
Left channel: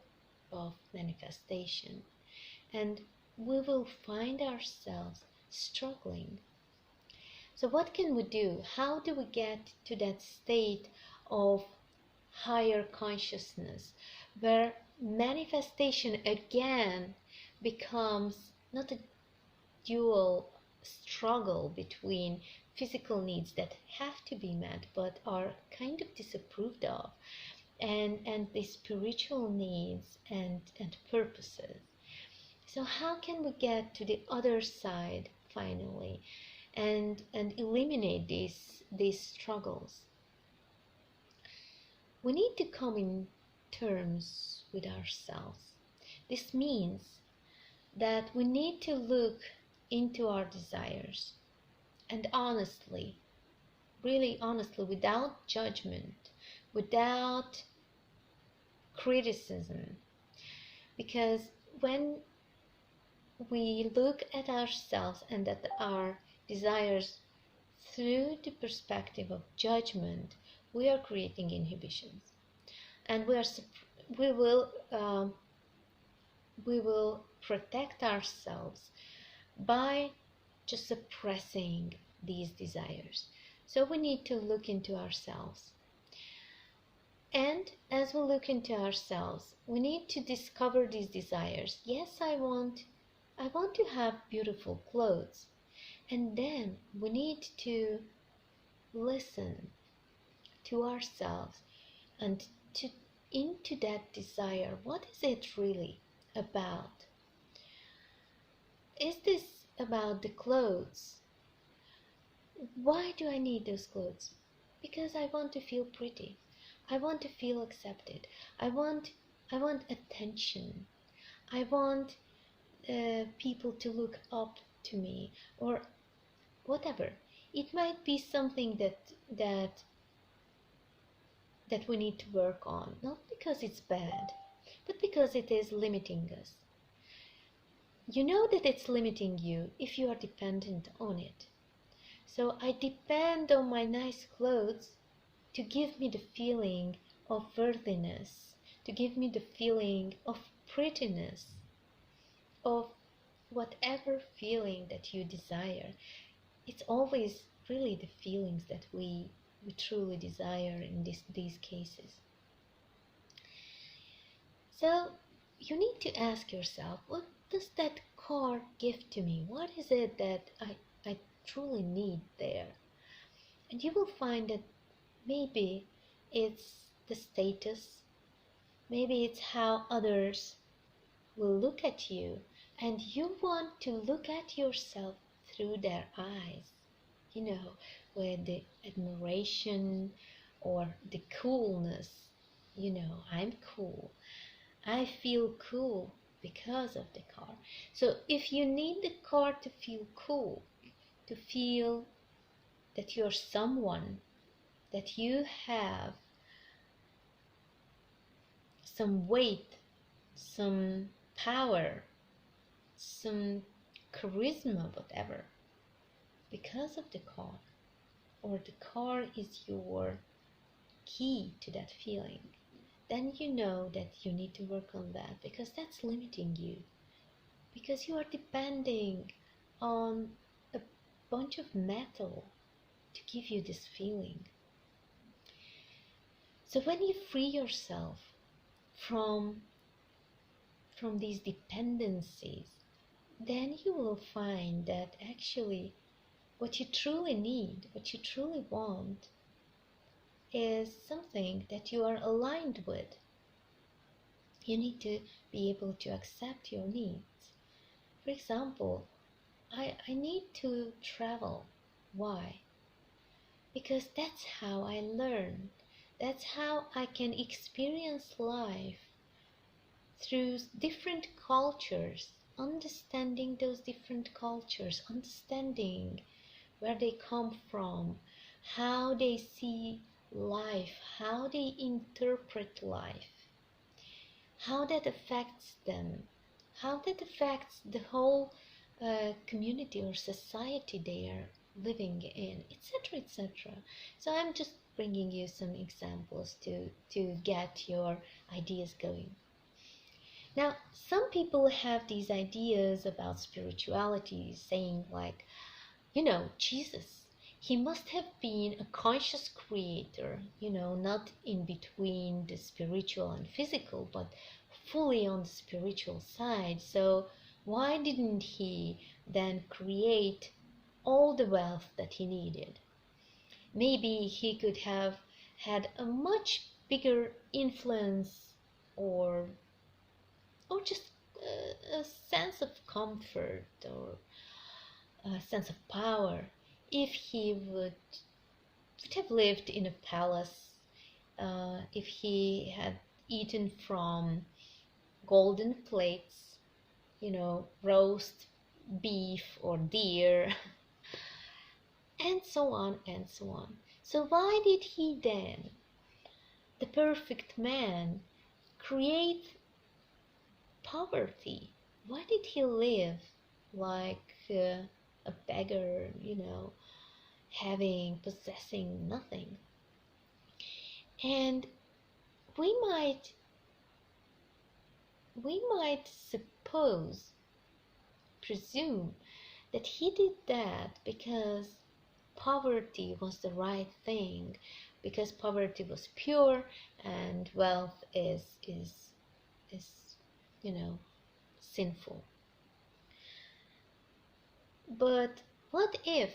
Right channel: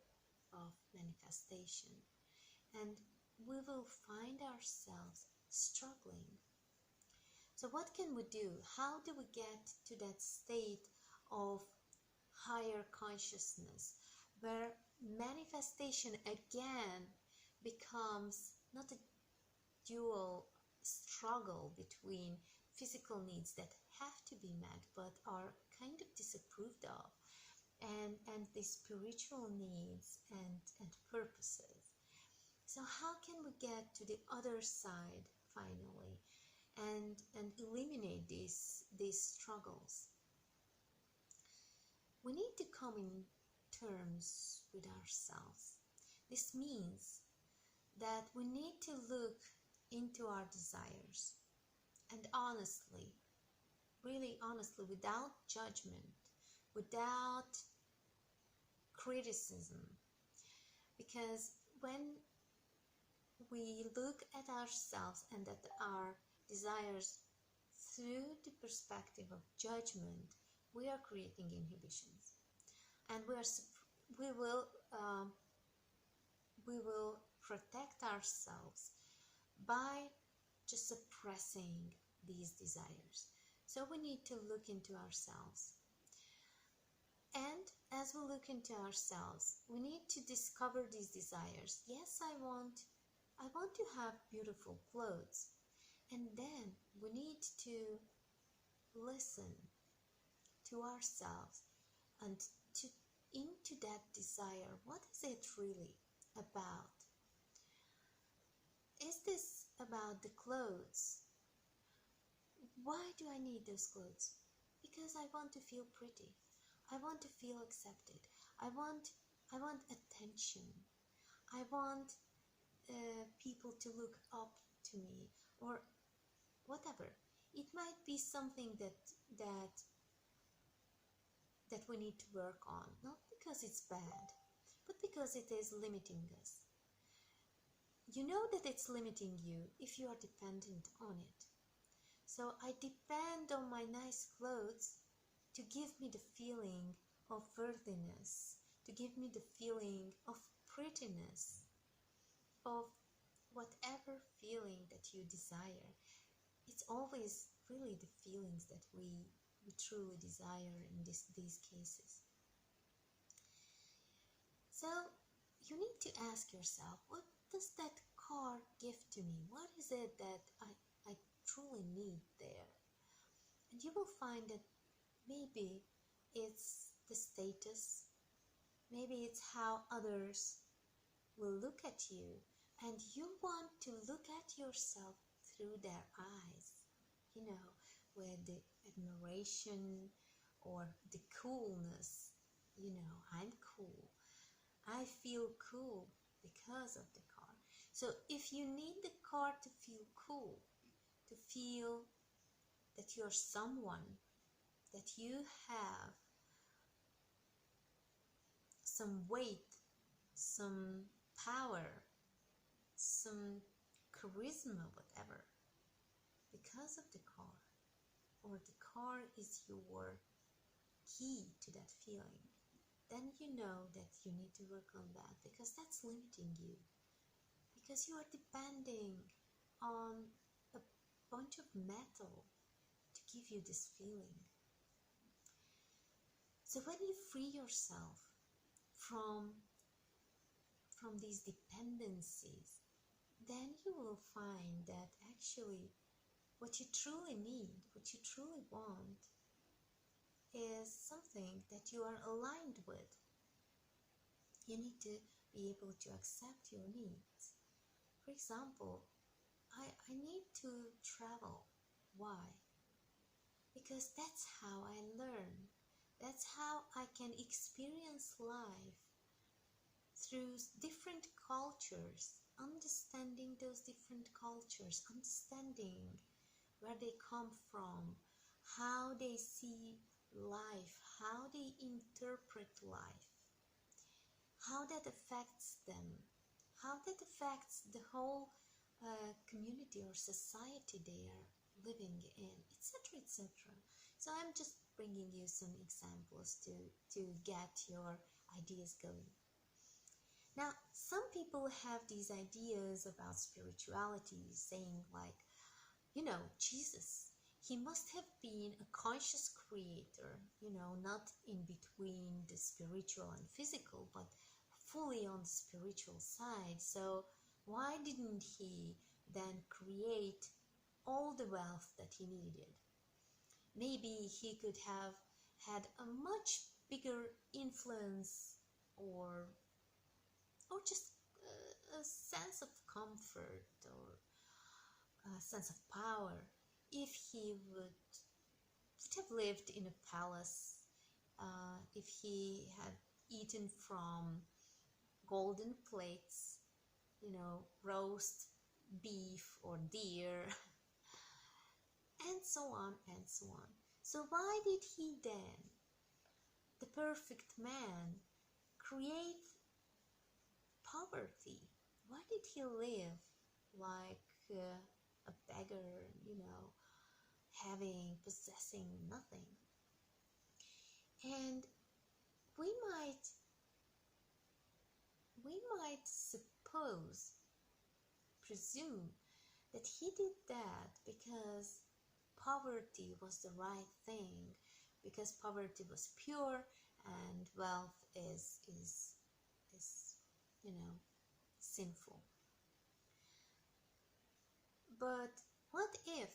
of manifestation, and we will find ourselves struggling. So what can we do? How do we get to that state of higher consciousness where manifestation again becomes not a dual struggle between physical needs that have to be met but are kind of disapproved of, and the spiritual needs and purposes? So how can we get to the other side finally and eliminate these struggles? We need to come in terms with ourselves. This means that we need to look into our desires and honestly, really honestly, without judgment, without criticism. Because when we look at ourselves and at our desires through the perspective of judgment, we are creating inhibitions, and we will um, we will protect ourselves by just suppressing these desires. So we need to look into ourselves. And as we look into ourselves, we need to discover these desires. Yes, I want to have beautiful clothes. And then we need to listen to ourselves and to into that desire. What is it really about? Is this about the clothes? Why do I need those clothes? Because I want to feel pretty. I want to feel accepted. I want attention. I want people to look up to me, or whatever. It might be something that that we need to work on, not because it's bad, but because it is limiting us. You know that it's limiting you if you are dependent on it. So I depend on my nice clothes to give me the feeling of worthiness, to give me the feeling of prettiness, of whatever feeling that you desire. It's always really the feelings that we truly desire in these cases. So you need to ask yourself, what does that car give to me? What is it that I truly need there? And you will find that maybe it's the status, maybe it's how others will look at you, and you want to look at yourself through their eyes, you know, with the admiration or the coolness. You know, I'm cool. I feel cool because of the car. So if you need the car to feel cool, to feel that you're someone, that you have some weight, some power, some charisma, whatever, because of the car, or the car is your key to that feeling, then you know that you need to work on that, because that's limiting you, because you are depending on a bunch of metal to give you this feeling. So when you free yourself from these dependencies, then you will find that actually what you truly need, what you truly want, is something that you are aligned with. You need to be able to accept your needs. For example, I need to travel. Why? because that's how I learn. That's how I can experience life through different cultures, understanding those different cultures, understanding where they come from, how they see life, how they interpret life, how that affects them, how that affects the whole community or society they are living in, etc., etc. So I'm just bringing you some examples to get your ideas going. Now, some people have these ideas about spirituality, saying like, Jesus, he must have been a conscious creator, not in between the spiritual and physical, but fully on the spiritual side. So, why didn't he then create all the wealth that he needed? Maybe he could have had a much bigger influence, or just a sense of comfort, or a sense of power, if he would have lived in a palace, if he had eaten from golden plates, roast beef or deer, and so on and so on. So why did he then, the perfect man, create poverty? Why did he live like a beggar, possessing nothing? And we might presume that he did that because poverty was the right thing, because poverty was pure and wealth is sinful. But what if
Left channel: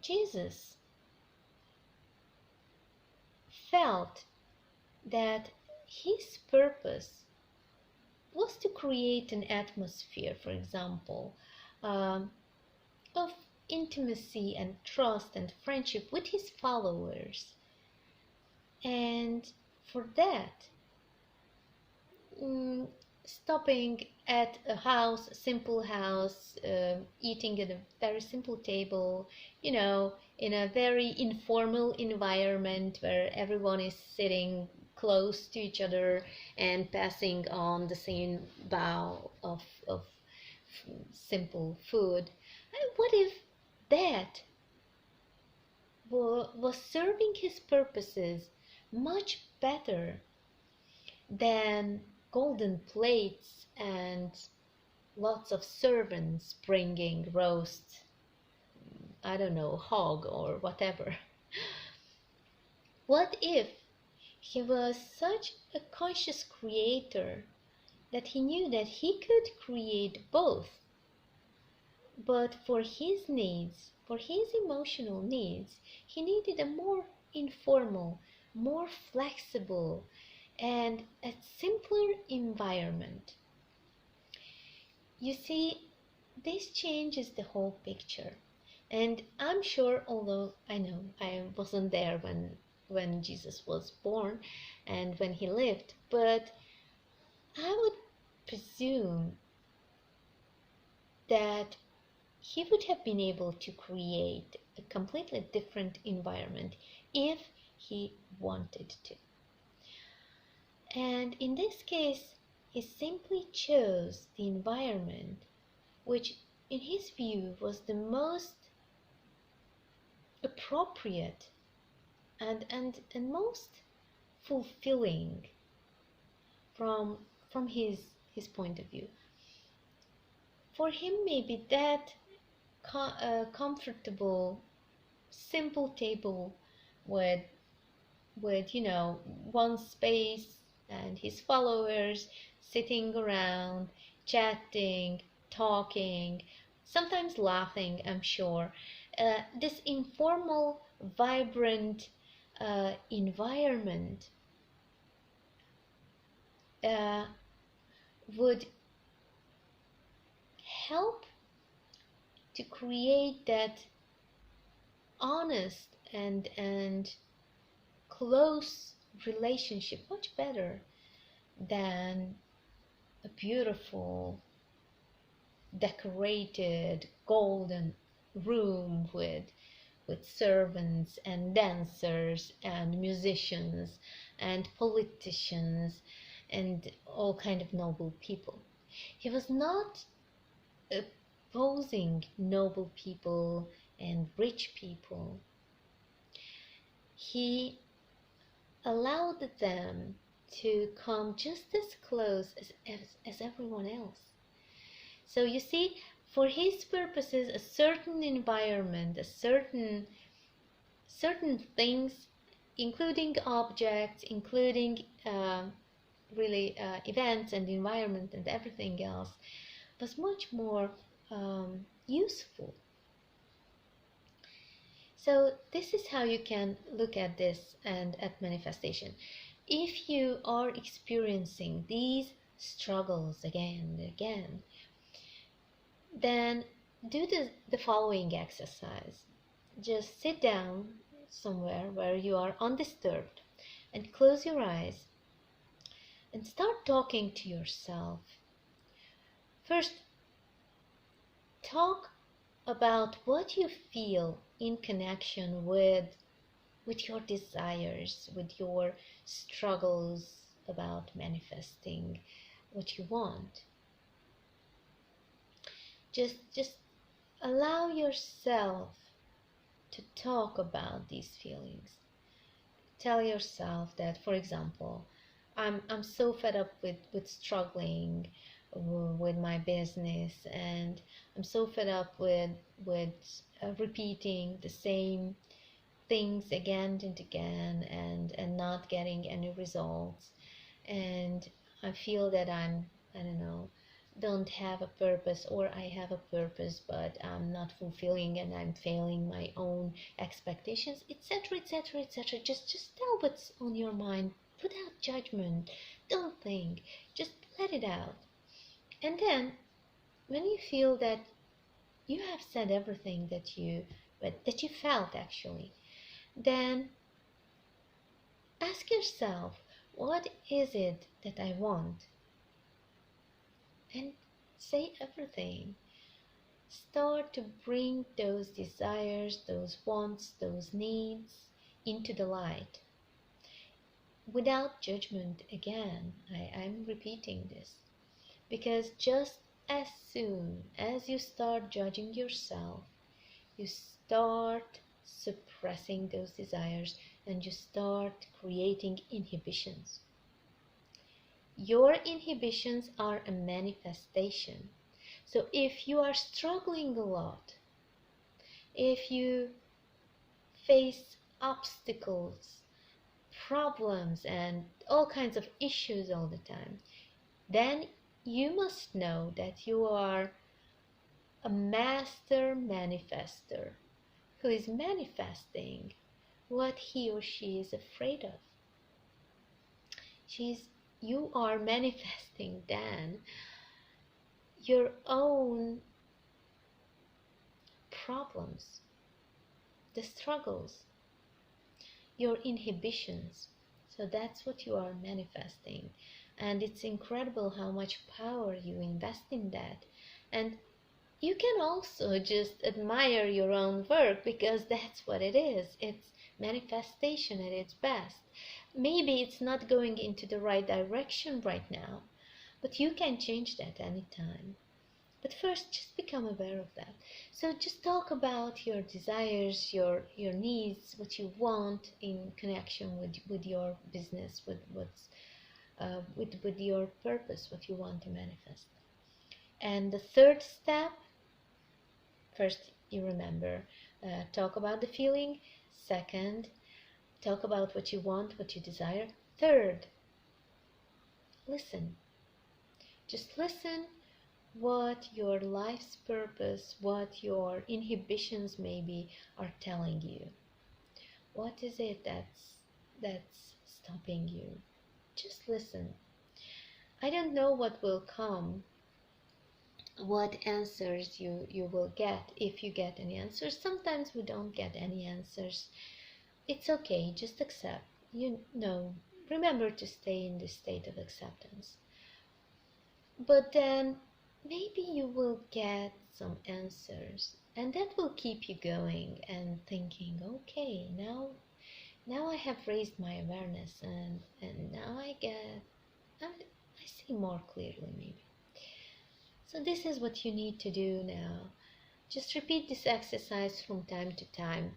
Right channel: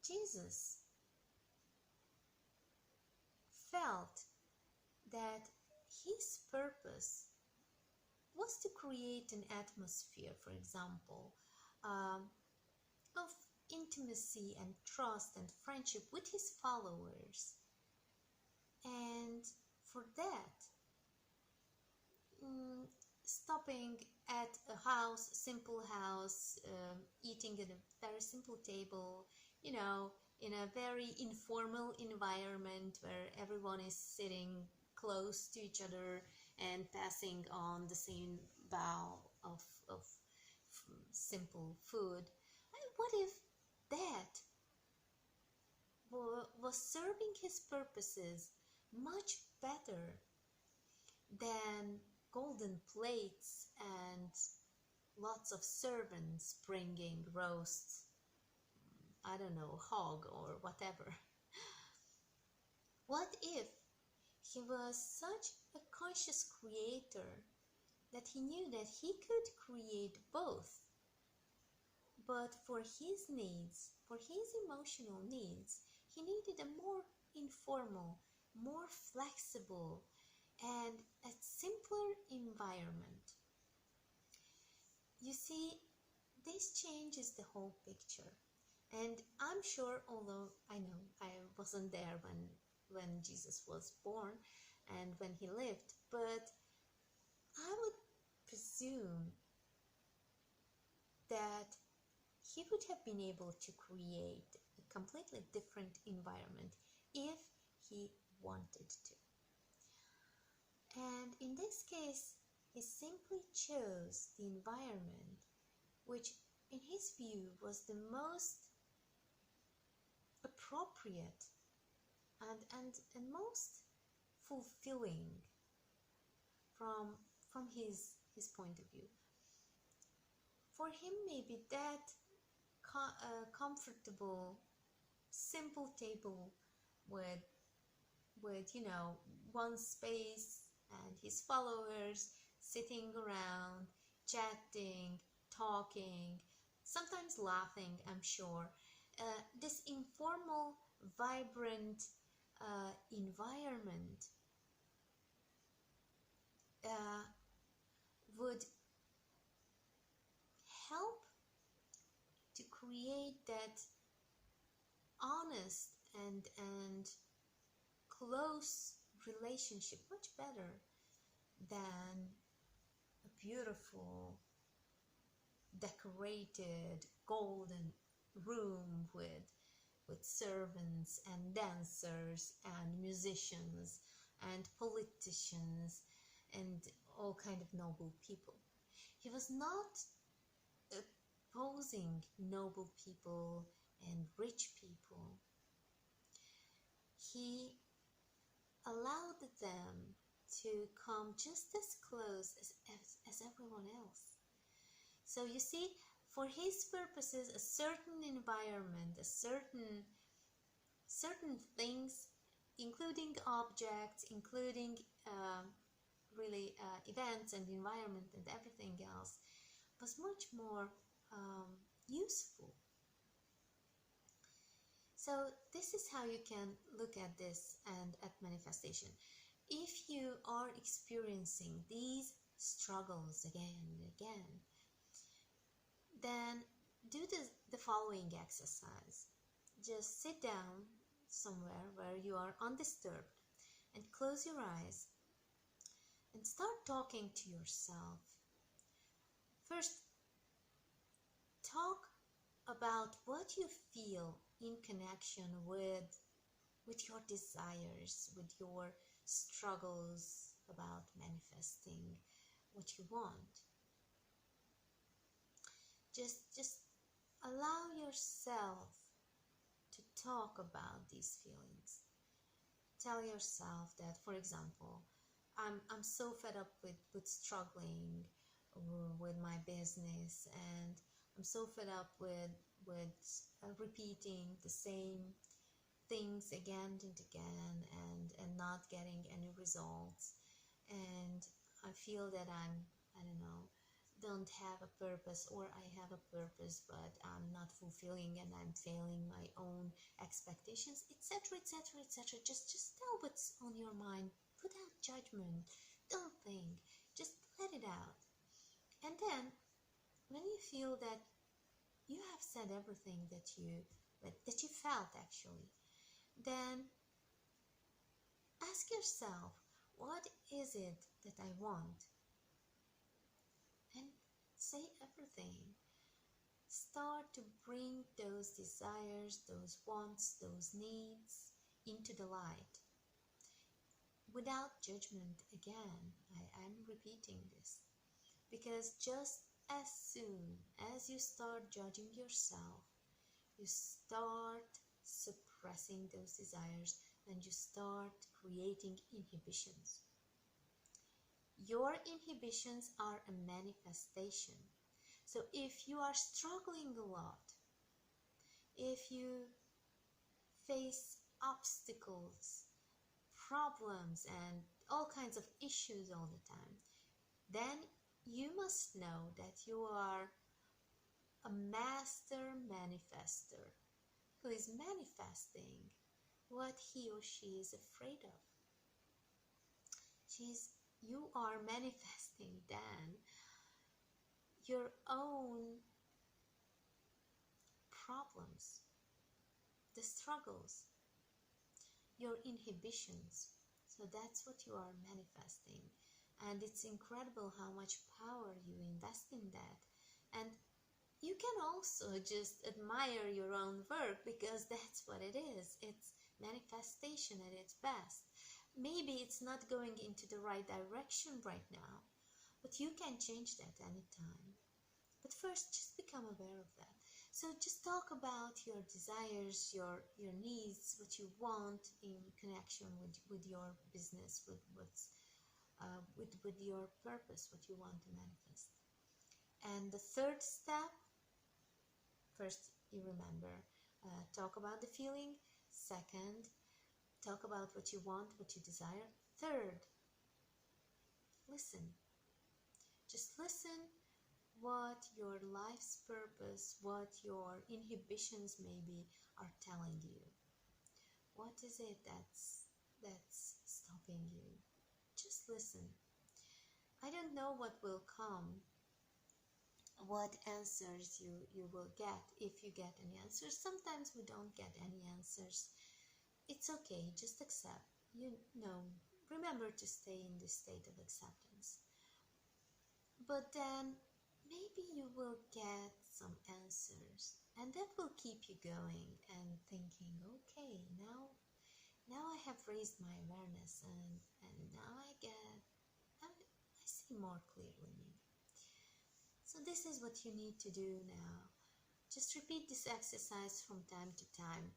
Jesus felt that his purpose was to create an atmosphere, for example, um, of intimacy and trust and friendship with his followers. And for that, mm, stopping at a simple house, eating at a very simple table, in a very informal environment where everyone is sitting close to each other and passing on the same bowl of simple food. And what if that was serving his purposes much better than golden plates and lots of servants bringing roast, I don't know, hog or whatever? What if he was such a conscious creator that he knew that he could create both, but for his needs, for his emotional needs, he needed a more informal, more flexible, and a simpler environment? You see, this changes the whole picture. And I'm sure, although I know I wasn't there when Jesus was born and when he lived, but I would presume that he would have been able to create a completely different environment if he wanted to. And in this case, he simply chose the environment which, in his view, was the most appropriate and most fulfilling from his point of view. For him, maybe that comfortable, simple table with one space and his followers sitting around, chatting, talking, sometimes laughing, I'm sure. This informal, vibrant environment uh, would help to create that honest and close relationship much better than a beautiful decorated golden room with servants and dancers and musicians and politicians and all kind of noble people. He was not opposing noble people and rich people. He allowed them to come just as close as everyone else. So you see, for his purposes, a certain environment, a certain things, including objects, including really events and environment and everything else, was much more useful. So this is how you can look at this and at manifestation. If you are experiencing these struggles again and again, then do the following exercise. Just sit down somewhere where you are undisturbed and close your eyes and start talking to yourself. First, talk about what you feel in connection with your desires, with your struggles about manifesting what you want. Just allow yourself to talk about these feelings. Tell yourself that, for example, I'm so fed up with struggling with my business, and I'm so fed up with repeating the same things again and again and not getting any results, and I feel that I don't know, don't have a purpose, or I have a purpose but I'm not fulfilling and I'm failing my own expectations, etc., etc., etc. Just tell what's on your mind without judgment. Don't think, just let it out. And then when you feel that you have said everything that you felt actually, then ask yourself, what is it that I want? And say everything. Start to bring those desires, those wants, those needs into the light without judgment. Again, I'm repeating this because just as soon as you start judging yourself, you start suppressing those desires and you start creating inhibitions. Your inhibitions are a manifestation. So if you are struggling a lot, if you face obstacles, problems, and all kinds of issues all the time, then you must know that you are a master manifester who is manifesting what he or she is afraid of. You are manifesting then your own problems, the struggles, your inhibitions. So that's what you are manifesting. And it's incredible how much power you invest in that. And you can also just admire your own work because that's what it is. It's manifestation at its best. Maybe it's not going into the right direction right now, but you can change that anytime. But first, just become aware of that. So just talk about your desires, your needs, what you want in connection with your business, with your purpose, what you want to manifest. And the third step, first you remember, talk about the feeling. Second, talk about what you want, what you desire. Third, listen. Just listen what your life's purpose, what your inhibitions maybe are telling you. What is it that's stopping you? Just listen. I don't know what will come what answers you will get, if you get any answers. Sometimes we don't get any answers. It's okay, just accept. You know, remember to stay in this state of acceptance. But then maybe you will get some answers, and that will keep you going and thinking, okay, now I have raised my awareness, and now I see more clearly maybe. So this is what you need to do now. Just repeat this exercise from time to time.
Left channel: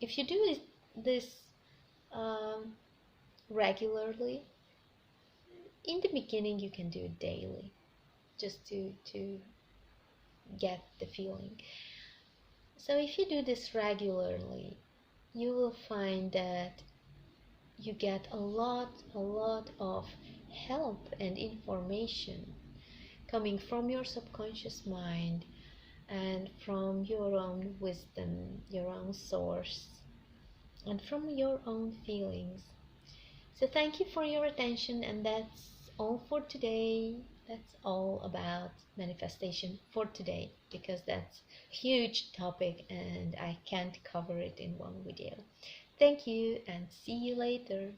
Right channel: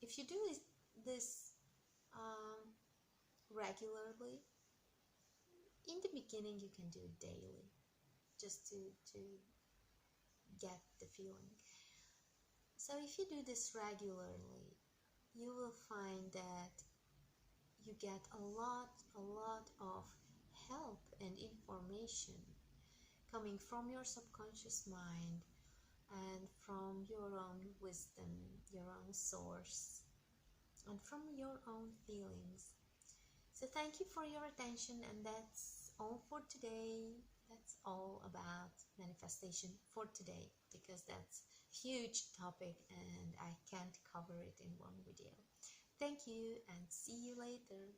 If you do this um, regularly, in the beginning you can do it daily, just to get the feeling. So if you do this regularly, you will find that you get a lot of help and information coming from your subconscious mind and from your own wisdom, your own source, and from your own feelings. So thank you for your attention, and that's all for today. That's all about manifestation for today, because that's a huge topic and I can't cover it in one video. Thank you and see you later.